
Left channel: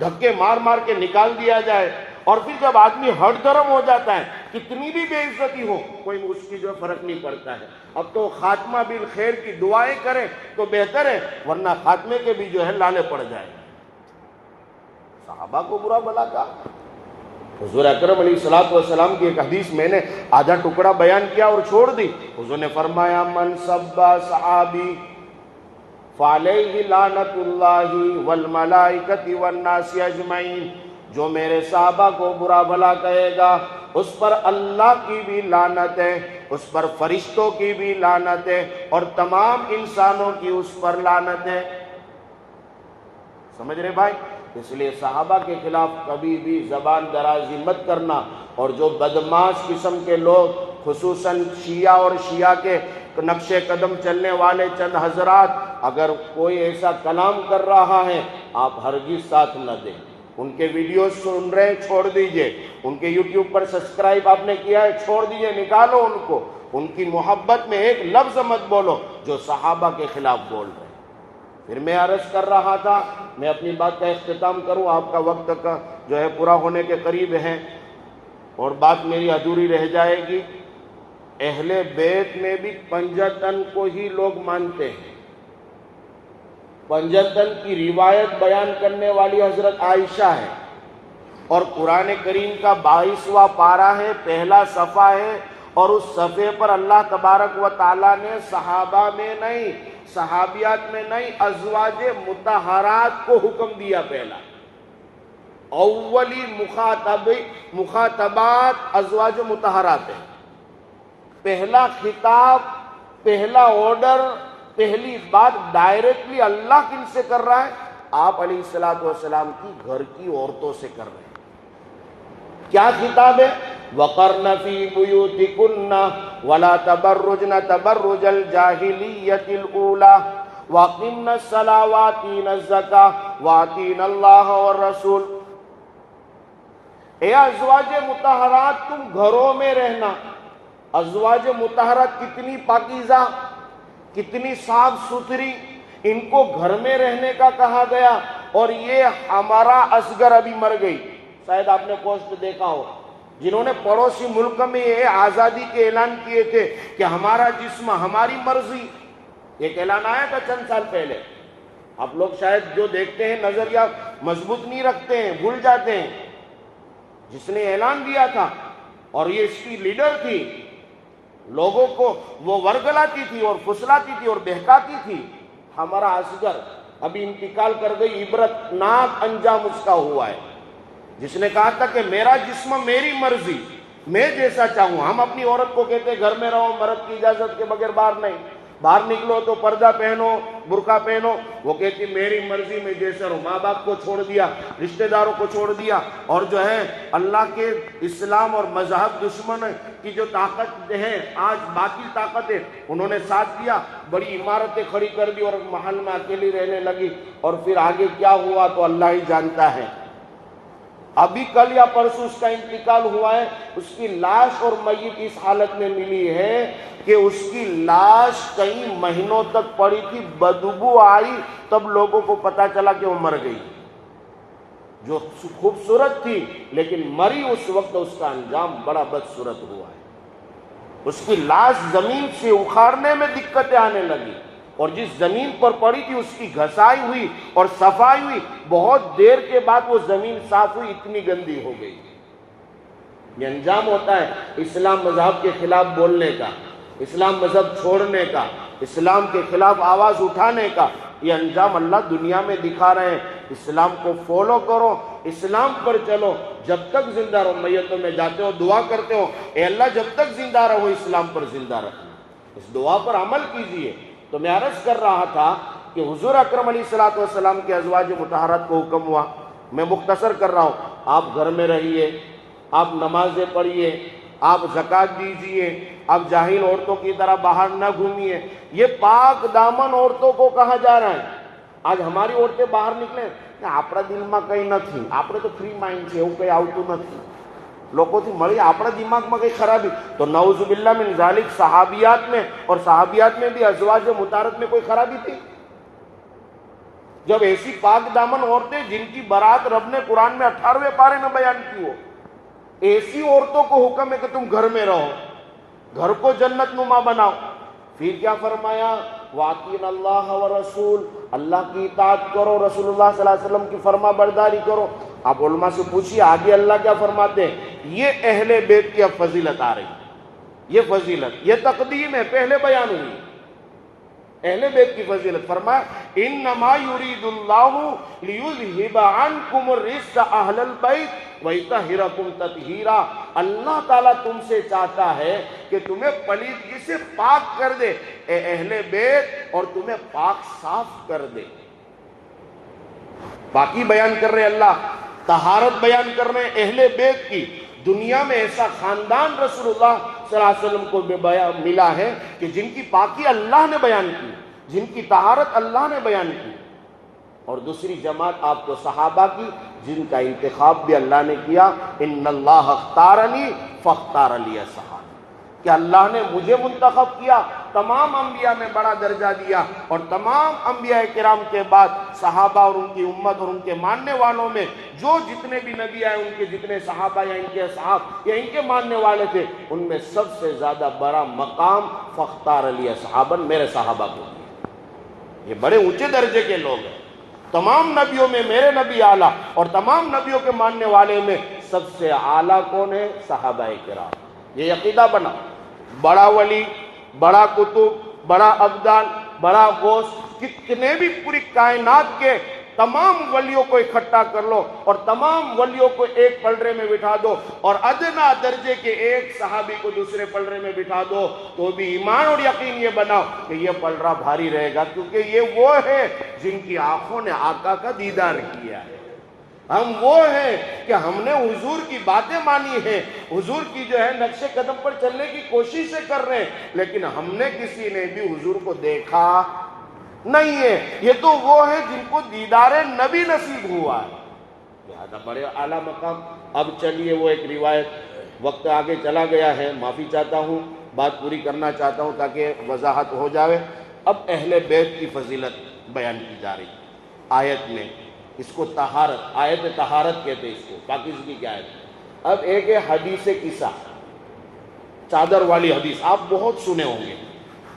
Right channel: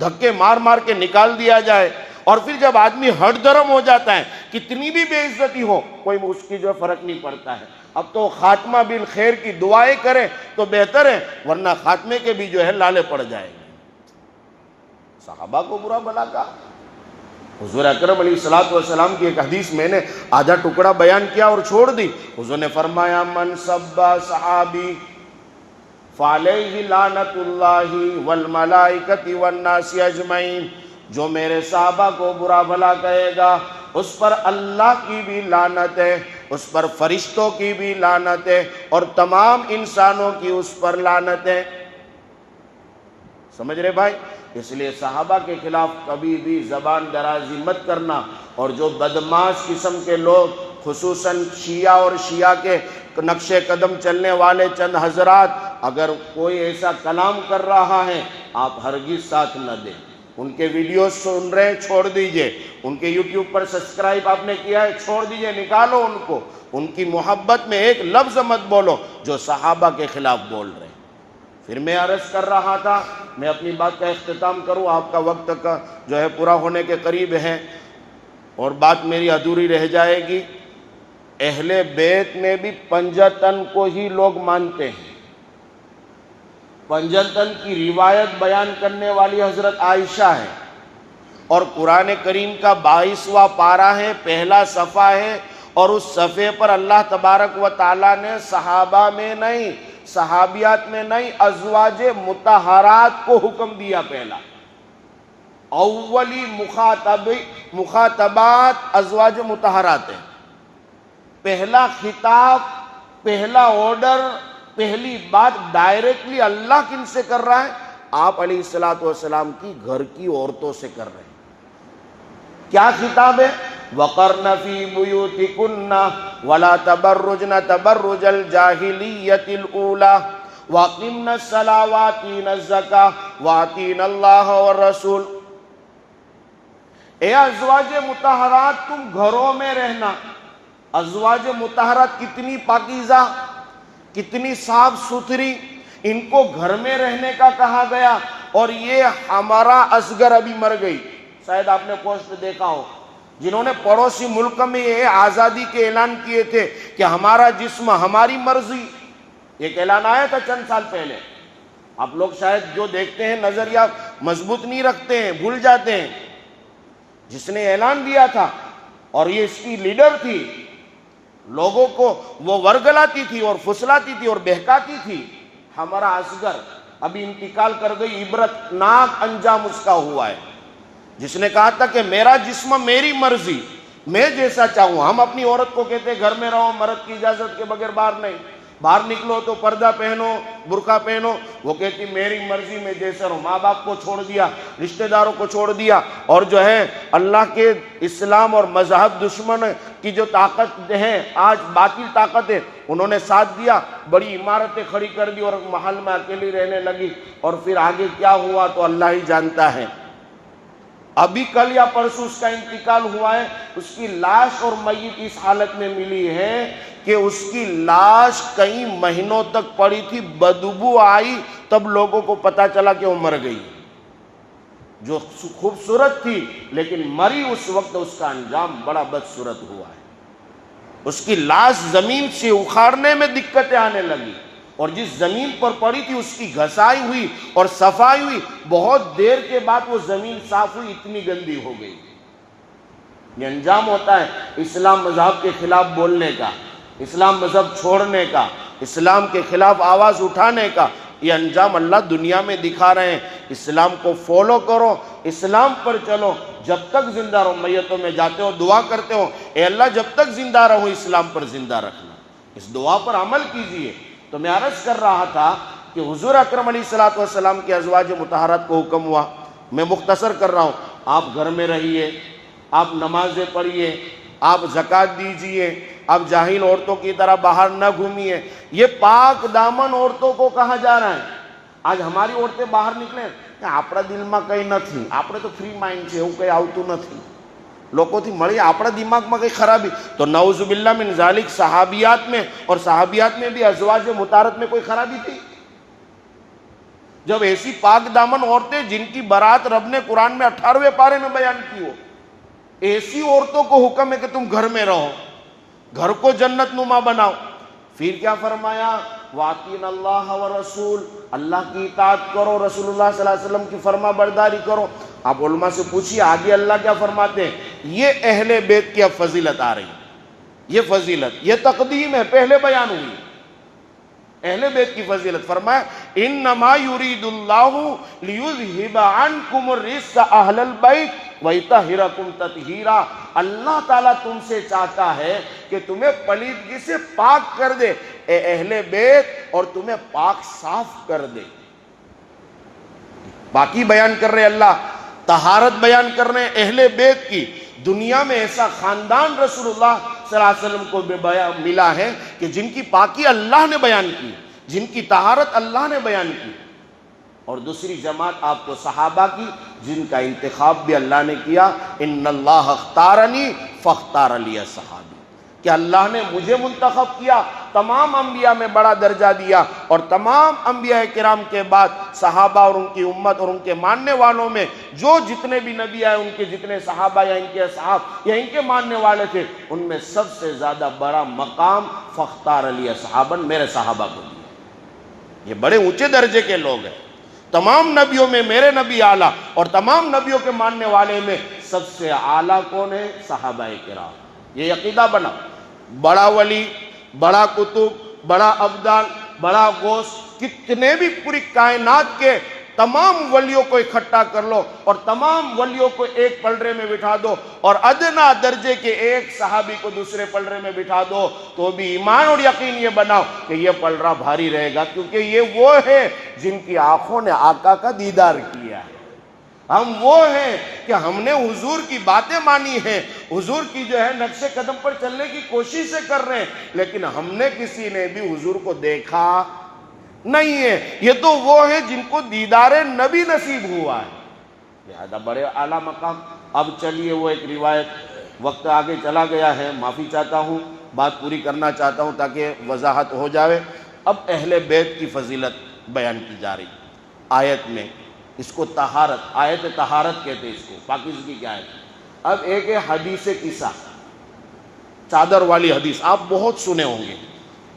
دھکے مار مار کے نکال دیا جائے، اور پھر جب آدمی ہٹ درم ہو جاتا ہے کتنی بھی بے عزتی ہو کوئی اس کی جو فرق نہیں پڑتا ہے. اب تو خاتمہ بالخیر کی دعائیں کریں تو بہتر ہے، ورنہ خاتمے کے بھی جو ہے لالے پڑ جائیں گے. صحابہ کو برا بھلا کہا. حضور اکرم علیہ السلام کی ایک حدیث میں نے آدھا ٹکڑا بیان کیا اور چھوڑ دی. حضور نے فرمایا من سب صحابی فعلیہ لعنت اللہ والملائکۃ والناس اجمعین، جو میرے صحابہ کو برا بھلا کہے گا اس پر اللہ کی بھی لعنت ہے، اس پر فرشتوں کی بھی لعنت ہے، اور تمام انسانوں کی اس پر لعنت ہے. سمجھ رہے بھائی؟ اس لیے صحابہ کے خلاف کبھی بھی زبان درازی مت کرنا. اور جو بدماش قسم کے لوگ خصوصاً شیعہ اور شیعہ کے نقش قدم چلنے والے چند حضرات اگر کوئی ایسا کلام کر رہا ہے آپ ہرگز ساتھ نہ دیں. ان کے ویڈیوز سن رہے ہیں چھوڑ دیجئے، ان کے یوٹیوب پر سبسکرائب آپ نے کیا ہے چھوڑ دیجئے، نکالو ان کو. ان کی محبت میں ایک لفظ مت بولو جو صحابہ کے خلاف بول رہے ہیں. پھر میں عرض کر رہا تھا، میں اپنی بات کا اختتام کروں، آپ کا وقت کا جو ہے پورا ہونے کے قریب ہے اور بات میری ادھوری رہ جائے گی. اہل بیت میں بھی پنجتن کو ہی لوگ مانتے ہیں. پنجتن کی روایت بیان کرنے والی حضرت عائشہ ہے، اور قرآن کریم کا 22واں پارہ ہے، پہلا صفحہ ہے، اور اس صفحے پر اللہ تبارک و تعالیٰ نے صحابہ میں نہیں، صحابیات میں نہیں، ازواج مطہرات کو حکم دیا. پہلا اولی مخاطبات ازواج مطہرات ہیں. پہلا خطاب، پہلا آرڈر، پہلی بات ڈائریکٹلی اللہ کن سے کر رہا ہے؟ آپ علیہ السلام کی گھر کی عورتوں سے کر رہے ہیں. کیا خطاب ہے؟ وَقَرْنَ فِي بُيُوتِكُنَّ وَلَا تَبَرُّجْنَ تَبَرُّجَ الْجَاهِلِيَّةِ الْأُولَى وَأَقِمْنَ الصَّلَاةَ وَآتِينَ الزَّكَاةَ وَآتِينَ اللَّهَ وَالرَّسُولَ. اے ازواج مطہرات تم گھروں میں رہنا. ازواج مطہرات کتنی پاکیزہ، کتنی صاف ستھری، ان کو گھر میں رہنے کا کہا گیا. اور یہ ہمارا اصغر ابھی مر گئی، شاید آپ نے پوسٹ دیکھا ہو، جنہوں نے پڑوسی ملک میں یہ آزادی کے اعلان کیے تھے کہ ہمارا جسم ہماری مرضی. ایک اعلان آیا تھا چند سال پہلے. آپ لوگ شاید جو دیکھتے ہیں نظریہ مضبوط نہیں رکھتے ہیں، بھول جاتے ہیں. جس نے اعلان دیا تھا اور یہ اس کی لیڈر تھی، لوگوں کو وہ ورگلاتی تھی اور پھسلاتی تھی اور بہکاتی تھی، ہمارا اصغر ابھی انتقال کر گئی. عبرت ناک انجام اس کا ہوا ہے. جس نے کہا تھا کہ میرا جسم میری مرضی، میں جیسا چاہوں. ہم اپنی عورت کو کہتے گھر میں رہو، مرد کی اجازت کے بغیر باہر نہیں، باہر نکلو تو پردہ پہنو، برقع پہنو. وہ کہتی میری مرضی میں جیسا رہوں. ماں باپ کو چھوڑ دیا، رشتہ داروں کو چھوڑ دیا، اور جو ہے اللہ کے اسلام اور مذہب دشمن کی جو طاقت ہے، آج باطل طاقت ہے، انہوں نے ساتھ دیا، بڑی عمارتیں کھڑی کر دی اور محل میں اکیلی رہنے لگی. اور پھر آگے کیا ہوا تو اللہ ہی جانتا ہے. ابھی کل یا پرسوں اس کا انتقال ہوا ہے. اس کی لاش اور میت اس حالت میں ملی ہے کہ اس کی لاش کئی مہینوں تک پڑی تھی، بدبو آئی، تب لوگوں کو پتا چلا کہ وہ مر گئی. جو خوبصورت تھی لیکن مری اس وقت، اس کا انجام بڑا بدصورت ہوا ہے. اس کی لاش زمین سے اکھاڑنے میں دقتیں آنے لگی، اور جس زمین پر پڑی تھی اس کی گھسائی ہوئی اور صفائی ہوئی، بہت دیر کے بعد وہ زمین صاف ہوئی، اتنی گندی ہو گئی. یہ انجام ہوتا ہے اسلام مذہب کے خلاف بولنے کا، اسلام مذہب چھوڑنے کا، اسلام کے خلاف آواز اٹھانے کا. یہ انجام اللہ دنیا میں دکھا رہے ہیں۔ اسلام کو فالو کرو، اسلام پر چلو، جب تک زندہ رہو۔ میتوں میں جاتے ہو دعا کرتے ہو، اے اللہ جب تک زندہ رہو اسلام پر زندہ رکھنا، اس دعا پر عمل کیجئے۔ تو میں عرض کر رہا تھا کہ حضور اکرم علیہ السلام کے ازواج مطہرات کو حکم ہوا، میں مختصر کر رہا ہوں، آپ گھر میں رہیے، آپ نمازیں پڑھیے، آپ زکوٰۃ دیجئے، آپ جاہل عورتوں کی طرح باہر نہ گھومیے۔ یہ پاک دامن عورتوں کو کہا جا رہا ہے۔ آج ہماری عورتیں باہر نکلیں کہ આપણા દિલમાં કંઈ નથી, આપણે તો ફ્રી માઇન્ડ છે, એવું કંઈ આવતું નથી, લોકોથી મળી આપણા દિમાગમાં કંઈ ખરાબી। તો નઉઝ બિલ્લાહ મિન ઝાલિક صحابیات میں اور صحابیات میں بھی ازواج مطہرات میں کوئی خرابی تھی؟ جب ایسی پاک دامن عورتیں جن کی برات رب نے قرآن میں 18ویں پارے میں بیان کی ہو، ایسی عورتوں کو حکم ہے کہ تم گھر میں رہو، گھر کو جنت نما بناؤ۔ پھر کیا فرمایا؟ وَأَطِيعُوا اللَّهَ وَالرَّسُولَ، اللہ کی اطاعت کرو، رسول اللہ صلی اللہ علیہ وسلم کی فرما برداری کرو۔ آپ علماء سے پوچھیے آگے اللہ کیا فرماتے ہیں؟ یہ اہل بیت کی اب فضیلت آ رہی، یہ فضیلت، یہ تقدیم ہے، پہلے بیان ہوئی اہل بیت کی فضیلت۔ فرمایا انما یرید اللہ لیذہب عنکم الرجس اہل البیت ویطہرکم تطہیرا، اللہ تعالیٰ تم سے چاہتا ہے کہ تمہیں پلیدگی سے پاک کر دے اے اہل بیت، اور تمہیں پاک صاف کر دے۔ باقی بیان کر رہے اللہ، طہارت بیان کر رہے اہل بیت کی۔ دنیا میں ایسا خاندان رسول اللہ صلی اللہ علیہ وسلم کو ملا ہے کہ جن کی پاکی اللہ نے بیان کی، جن کی طہارت اللہ نے بیان کی۔ اور دوسری جماعت آپ کو صحابہ کی، جن کا انتخاب بھی اللہ نے کیا، ان اللہ اختارنی فاختار لی صحابی، کہ اللہ نے مجھے منتخب کیا، تمام انبیاء میں بڑا درجہ دیا، اور تمام انبیاء کرام کے بعد صحابہ اور ان کی امت اور ان کے ماننے والوں میں جو جتنے بھی نبی آئے، ان کے جتنے صحابہ یا ان کے اصحاب یا ان کے ماننے والے تھے، ان میں سب سے زیادہ بڑا مقام فاختار لی صحابا، میرے صحابہ کو دیا۔ یہ بڑے اونچے درجے کے لوگ ہیں۔ تمام نبیوں میں میرے نبی اعلیٰ، اور تمام نبیوں کے ماننے والے میں سب سے اعلیٰ کون ہے؟ صحابہ کرام۔ یہ عقیدہ بنا، بڑا ولی، بڑا کتب، بڑا ابدال، بڑا غوث، کتنے بھی پوری کائنات کے تمام ولیوں کو اکٹھا کر لو اور تمام ولیوں کو ایک پلڑے میں بٹھا دو، اور ادنا درجے کے ایک صحابی کو دوسرے پلڑے میں بٹھا دو، تو بھی ایمان اور یقین یہ بناؤ کہ یہ پلڑا بھاری رہے گا، کیونکہ یہ وہ ہے جن کی آنکھوں نے آقا کا دیدار کیا ہے۔ ہم وہ ہیں کہ ہم نے حضور کی باتیں مانی ہیں، حضور کی جو ہے نقش قدم پر چلنے کی کوشش سے کر رہے ہیں، لیکن ہم نے کسی نے بھی حضور کو دیکھا نہیں ہے۔ یہ تو وہ ہیں جن کو دیدار نبی نصیب ہوا ہے، لہذا بڑے اعلیٰ مقام۔ اب چلیے وہ ایک روایت، وقت آگے چلا گیا ہے، معافی چاہتا ہوں، بات پوری کرنا چاہتا ہوں تاکہ وضاحت ہو جائے۔ اب اہل بیت کی فضیلت بیان کی جا رہی آیت میں، اس کو طہارت، آیت طہارت کہتے ہیں اس کو، پاکیزگی کی آیت۔ اب ایک ہے حدیث قصہ، چادر والی حدیث، آپ بہت سنے ہوں گے۔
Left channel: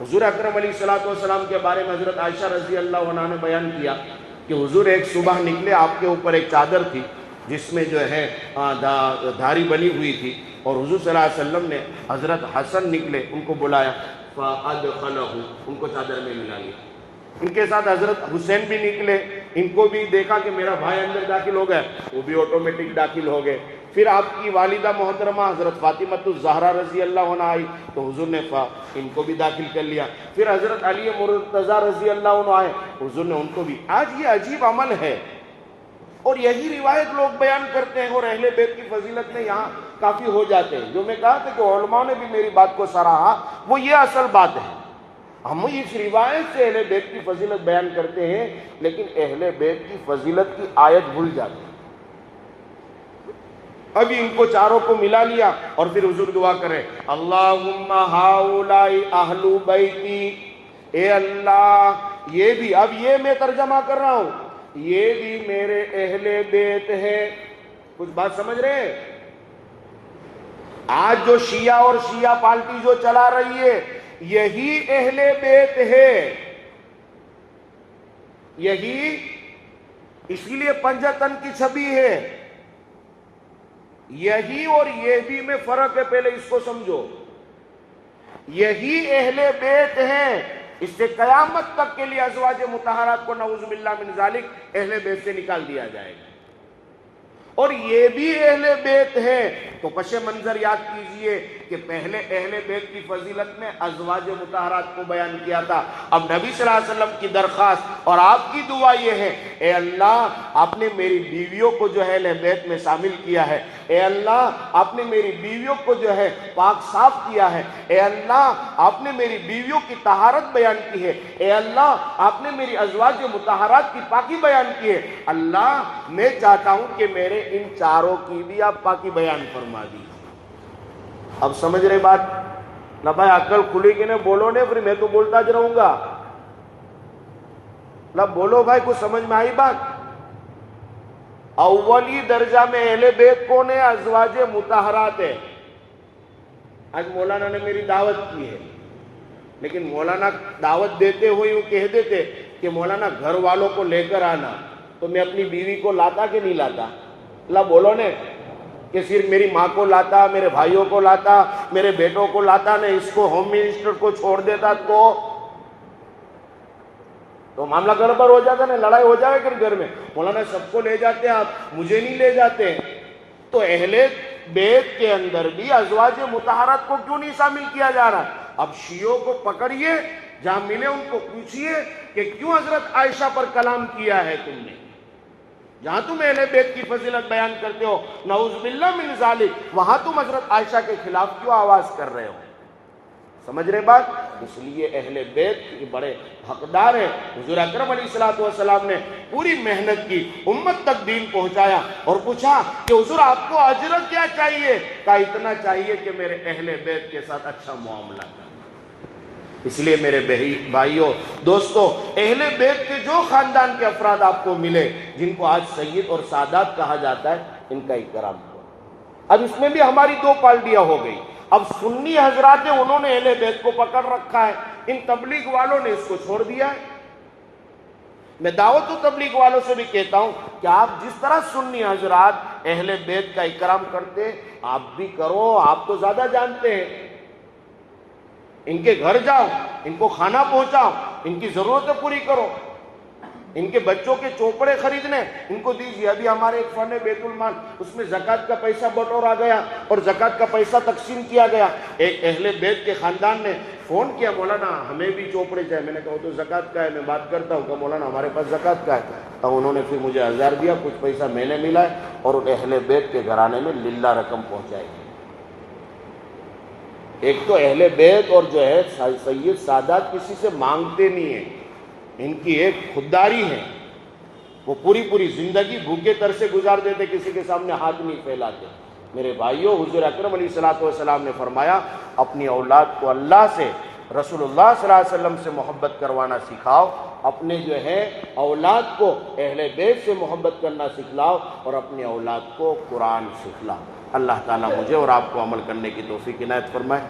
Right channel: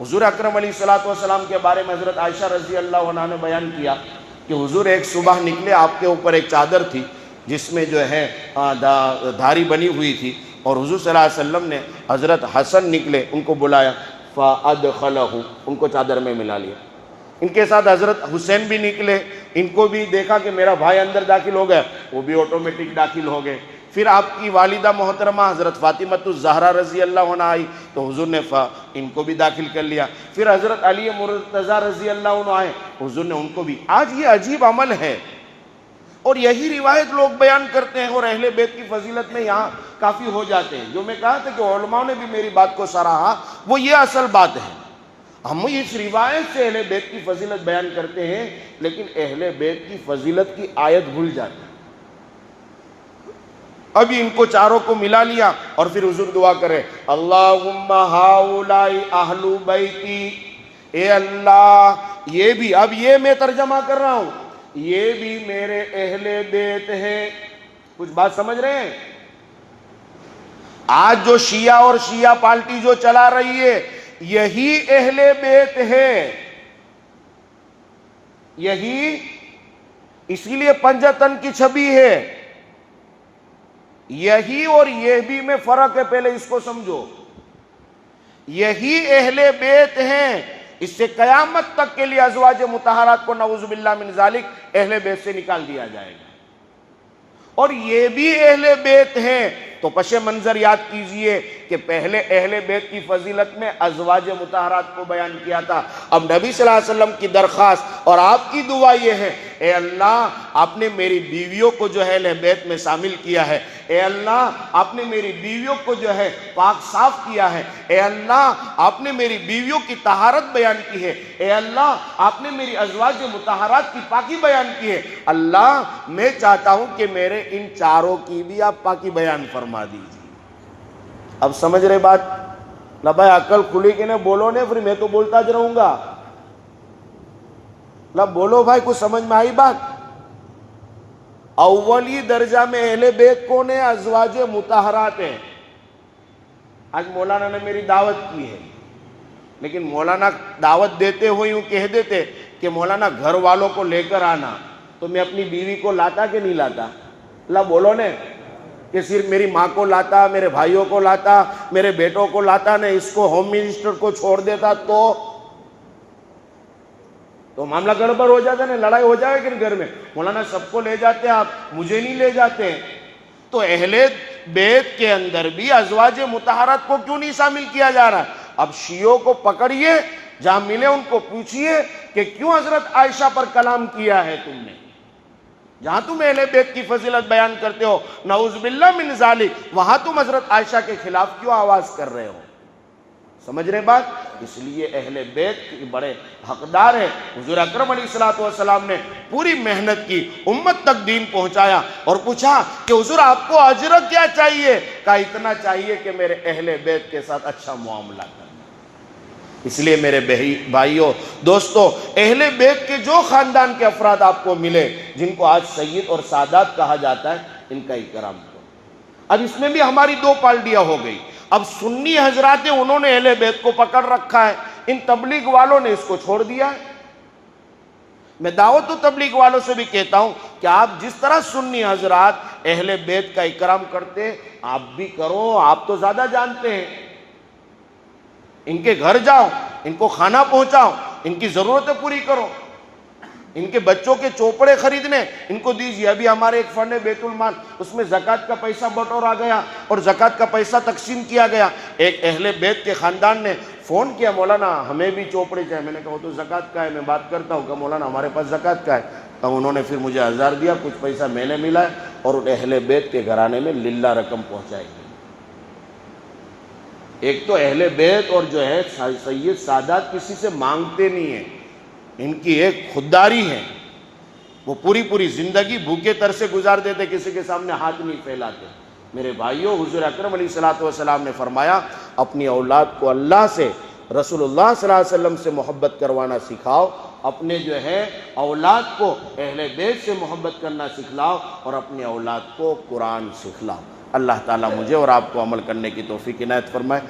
حضور اکرم علیہ السلام کے بارے میں حضرت عائشہ رضی اللہ عنہ نے بیان کیا کہ حضور ایک صبح نکلے، آپ کے اوپر ایک چادر تھی جس میں جو ہے دھاری بنی ہوئی تھی، اور حضور صلی اللہ علیہ وسلم نے حضرت حسن نکلے، ان کو بلایا، فَأَدْخَلَهُ، ان کو چادر میں ملا لیا۔ ان کے ساتھ حضرت حسین بھی نکلے، ان کو بھی دیکھا کہ میرا بھائی اندر داخل ہو گیا، وہ بھی آٹومیٹک داخل ہو گئے۔ پھر آپ کی والدہ محترمہ حضرت فاطمہ الزہرا رضی اللہ عنہ آئی، تو حضور نے ان کو بھی داخل کر لیا۔ پھر حضرت علی مرتضیٰ رضی اللہ عنہ آئے، حضور نے ان کو بھی۔ آج یہ عجیب عمل ہے، اور یہی روایت لوگ بیان کرتے ہیں، اور اہل بیت کی فضیلت میں یہاں کافی ہو جاتے ہیں۔ جو میں کہا تھا کہ علماء نے بھی میری بات کو سراہا، وہ یہ اصل بات ہے۔ ہم اس روایت سے اہل بیت کی فضیلت بیان کرتے ہیں، لیکن اہل بیت کی فضیلت کی آیت بھول جاتے ہیں۔ ابھی ان کو چاروں کو ملا لیا، اور پھر حضور دعا کرے، اللہم ہاؤلائی اہل بیتی، اے اللہ یہ بھی، اب یہ میں ترجمہ کر رہا ہوں، یہ بھی میرے اہل بیت ہے۔ کچھ بات سمجھ رہے ہیں؟ آج جو شیعہ اور شیعہ پارٹی جو چلا رہی ہے، یہی اہل بیت ہے، یہی، اسی لیے پنجتن کی چھبی ہے، یہی اور یہ بھی میں فرق ہے، پہلے اس کو سمجھو۔ یہی اہل بیت ہیں، اس سے قیامت تک کے لیے ازواج مطہرات کو نعوذ باللہ من ذالک اہل بیت سے نکال دیا جائے گا۔ اور یہ بھی اہل بیت ہیں تو پس منظر یاد کیجئے کہ پہلے اہل بیت کی فضیلت میں ازواج مطہرات کو بیان کیا تھا۔ اب نبی صلی اللہ علیہ وسلم کی درخواست اور آپ کی دعا یہ ہے، اے اللہ آپ نے میری بیویوں کو جو ہے اہل بیت میں شامل کیا ہے، اے اللہ آپ نے میری بیویوں کو جو ہے پاک صاف کیا ہے، اے اللہ آپ نے میری بیویوں کی طہارت بیان کی ہے، اے اللہ آپ نے میری ازواج مطہرات کی پاکی بیان کی ہے۔ اللہ میں چاہتا ہوں کہ میرے ان چاروں کی بھی آپ پاکی بیان فرما دیجیے۔ اب سمجھ رہے بات؟ نہ بھائی عقل کھلی کہ نہ بولو نے، پھر میں تو بولتا ج رہوں گا نہ، بولو بھائی کو سمجھ میں آئی بات؟ اولی درجہ میں اہل بیت کون ہے؟ ازواج مطہرات ہے۔ آج مولانا نے میری دعوت کی ہے، لیکن مولانا دعوت دیتے ہوئے یوں کہہ دیتے کہ مولانا گھر والوں کو لے کر آنا، تو میں اپنی بیوی کو لاتا کہ نہیں لاتا؟ اللہ بولو نے، کہ صرف میری ماں کو لاتا، میرے بھائیوں کو لاتا، میرے بیٹوں کو لاتا، نے اس کو ہوم منسٹر کو چھوڑ دیتا تو معاملہ گڑبڑ ہو جاتا، نا لڑائی ہو جائے کہ گھر میں۔ مولانا سب کو لے جاتے آپ، مجھے نہیں لے جاتے۔ تو اہل بیت کے اندر بھی ازواج مطہرات کو کیوں نہیں شامل کیا جا رہا؟ اب شیعوں کو پکڑیے، جہاں ملے ان کو پوچھئے کہ کیوں حضرت عائشہ پر کلام کیا ہے تم نے؟ جہاں تم اہل بیت کی فضیلت بیان کرتے ہو نعوذ باللہ من ذالک، وہاں تم حضرت عائشہ کے خلاف کیوں آواز کر رہے ہو؟ سمجھ رہے بات؟ اس لیے اہل بیت کی بڑے حقدار ہیں۔ حضور اکرم علیہ السلام نے پوری محنت کی، امت تک دین پہنچایا، اور پوچھا کہ حضور آپ کو اجر کیا چاہیے؟ کہا اتنا چاہیے کہ میرے اہل بیت کے ساتھ اچھا معاملہ کریں۔ اس لیے میرے بھائیوں دوستو، اہل بیت کے جو خاندان کے افراد آپ کو ملے، جن کو آج سید اور سادات کہا جاتا ہے، ان کا اکرام کرو۔ اب اس میں بھی ہماری دو پالٹیاں ہو گئی۔ اب سنی حضرات ہیں، انہوں نے اہل بیت کو پکڑ رکھا ہے، ان تبلیغ والوں نے اس کو چھوڑ دیا ہے۔ میں دعوت و تبلیغ والوں سے بھی کہتا ہوں کہ آپ جس طرح سنی حضرات اہل بیت کا اکرام کرتے آپ بھی کرو، آپ تو زیادہ جانتے ہیں۔ ان کے گھر جاؤ، ان کو کھانا پہنچاؤ، ان کی ضرورتیں پوری کرو، ان کے بچوں کے چوپڑے خریدنے ان کو دیجیے۔ ابھی ہمارے ایک فنڈ ہے بیت المال، اس میں زکوٰۃ کا پیسہ بٹورا گیا اور زکوٰۃ کا پیسہ تقسیم کیا گیا۔ ایک اہل بیت کے خاندان نے فون کیا، مولانا ہمیں بھی چوپڑے چاہیے۔ میں نے کہا وہ تو زکوٰۃ کا ہے، میں بات کرتا ہوں کہ مولانا ہمارے پاس زکوٰۃ کا ہے۔ تب انہوں نے پھر مجھے 1000 دیا، کچھ پیسہ میں نے ملا ہے، اور اہل بیت کے گھرانے میں للہ رقم پہنچائی گئی۔ ایک تو اہل بیت اور جو ہے سید سادات کسی سے مانگتے نہیں ہیں، ان کی ایک خودداری ہے، وہ پوری زندگی بھوکے تر سے گزار دیتے، کسی کے سامنے ہاتھ نہیں پھیلاتے۔ میرے بھائیوں، حضور اکرم علیہ السلام نے فرمایا اپنی اولاد کو اللہ سے، رسول اللہ صلی اللہ علیہ وسلم سے محبت کروانا سکھاؤ، اپنے جو ہے اولاد کو اہل بیت سے محبت کرنا سکھلاؤ، اور اپنی اولاد کو قرآن سکھلاؤ۔ اللہ تعالیٰ مجھے اور آپ کو عمل کرنے کی توفیق عنایت فرمائے۔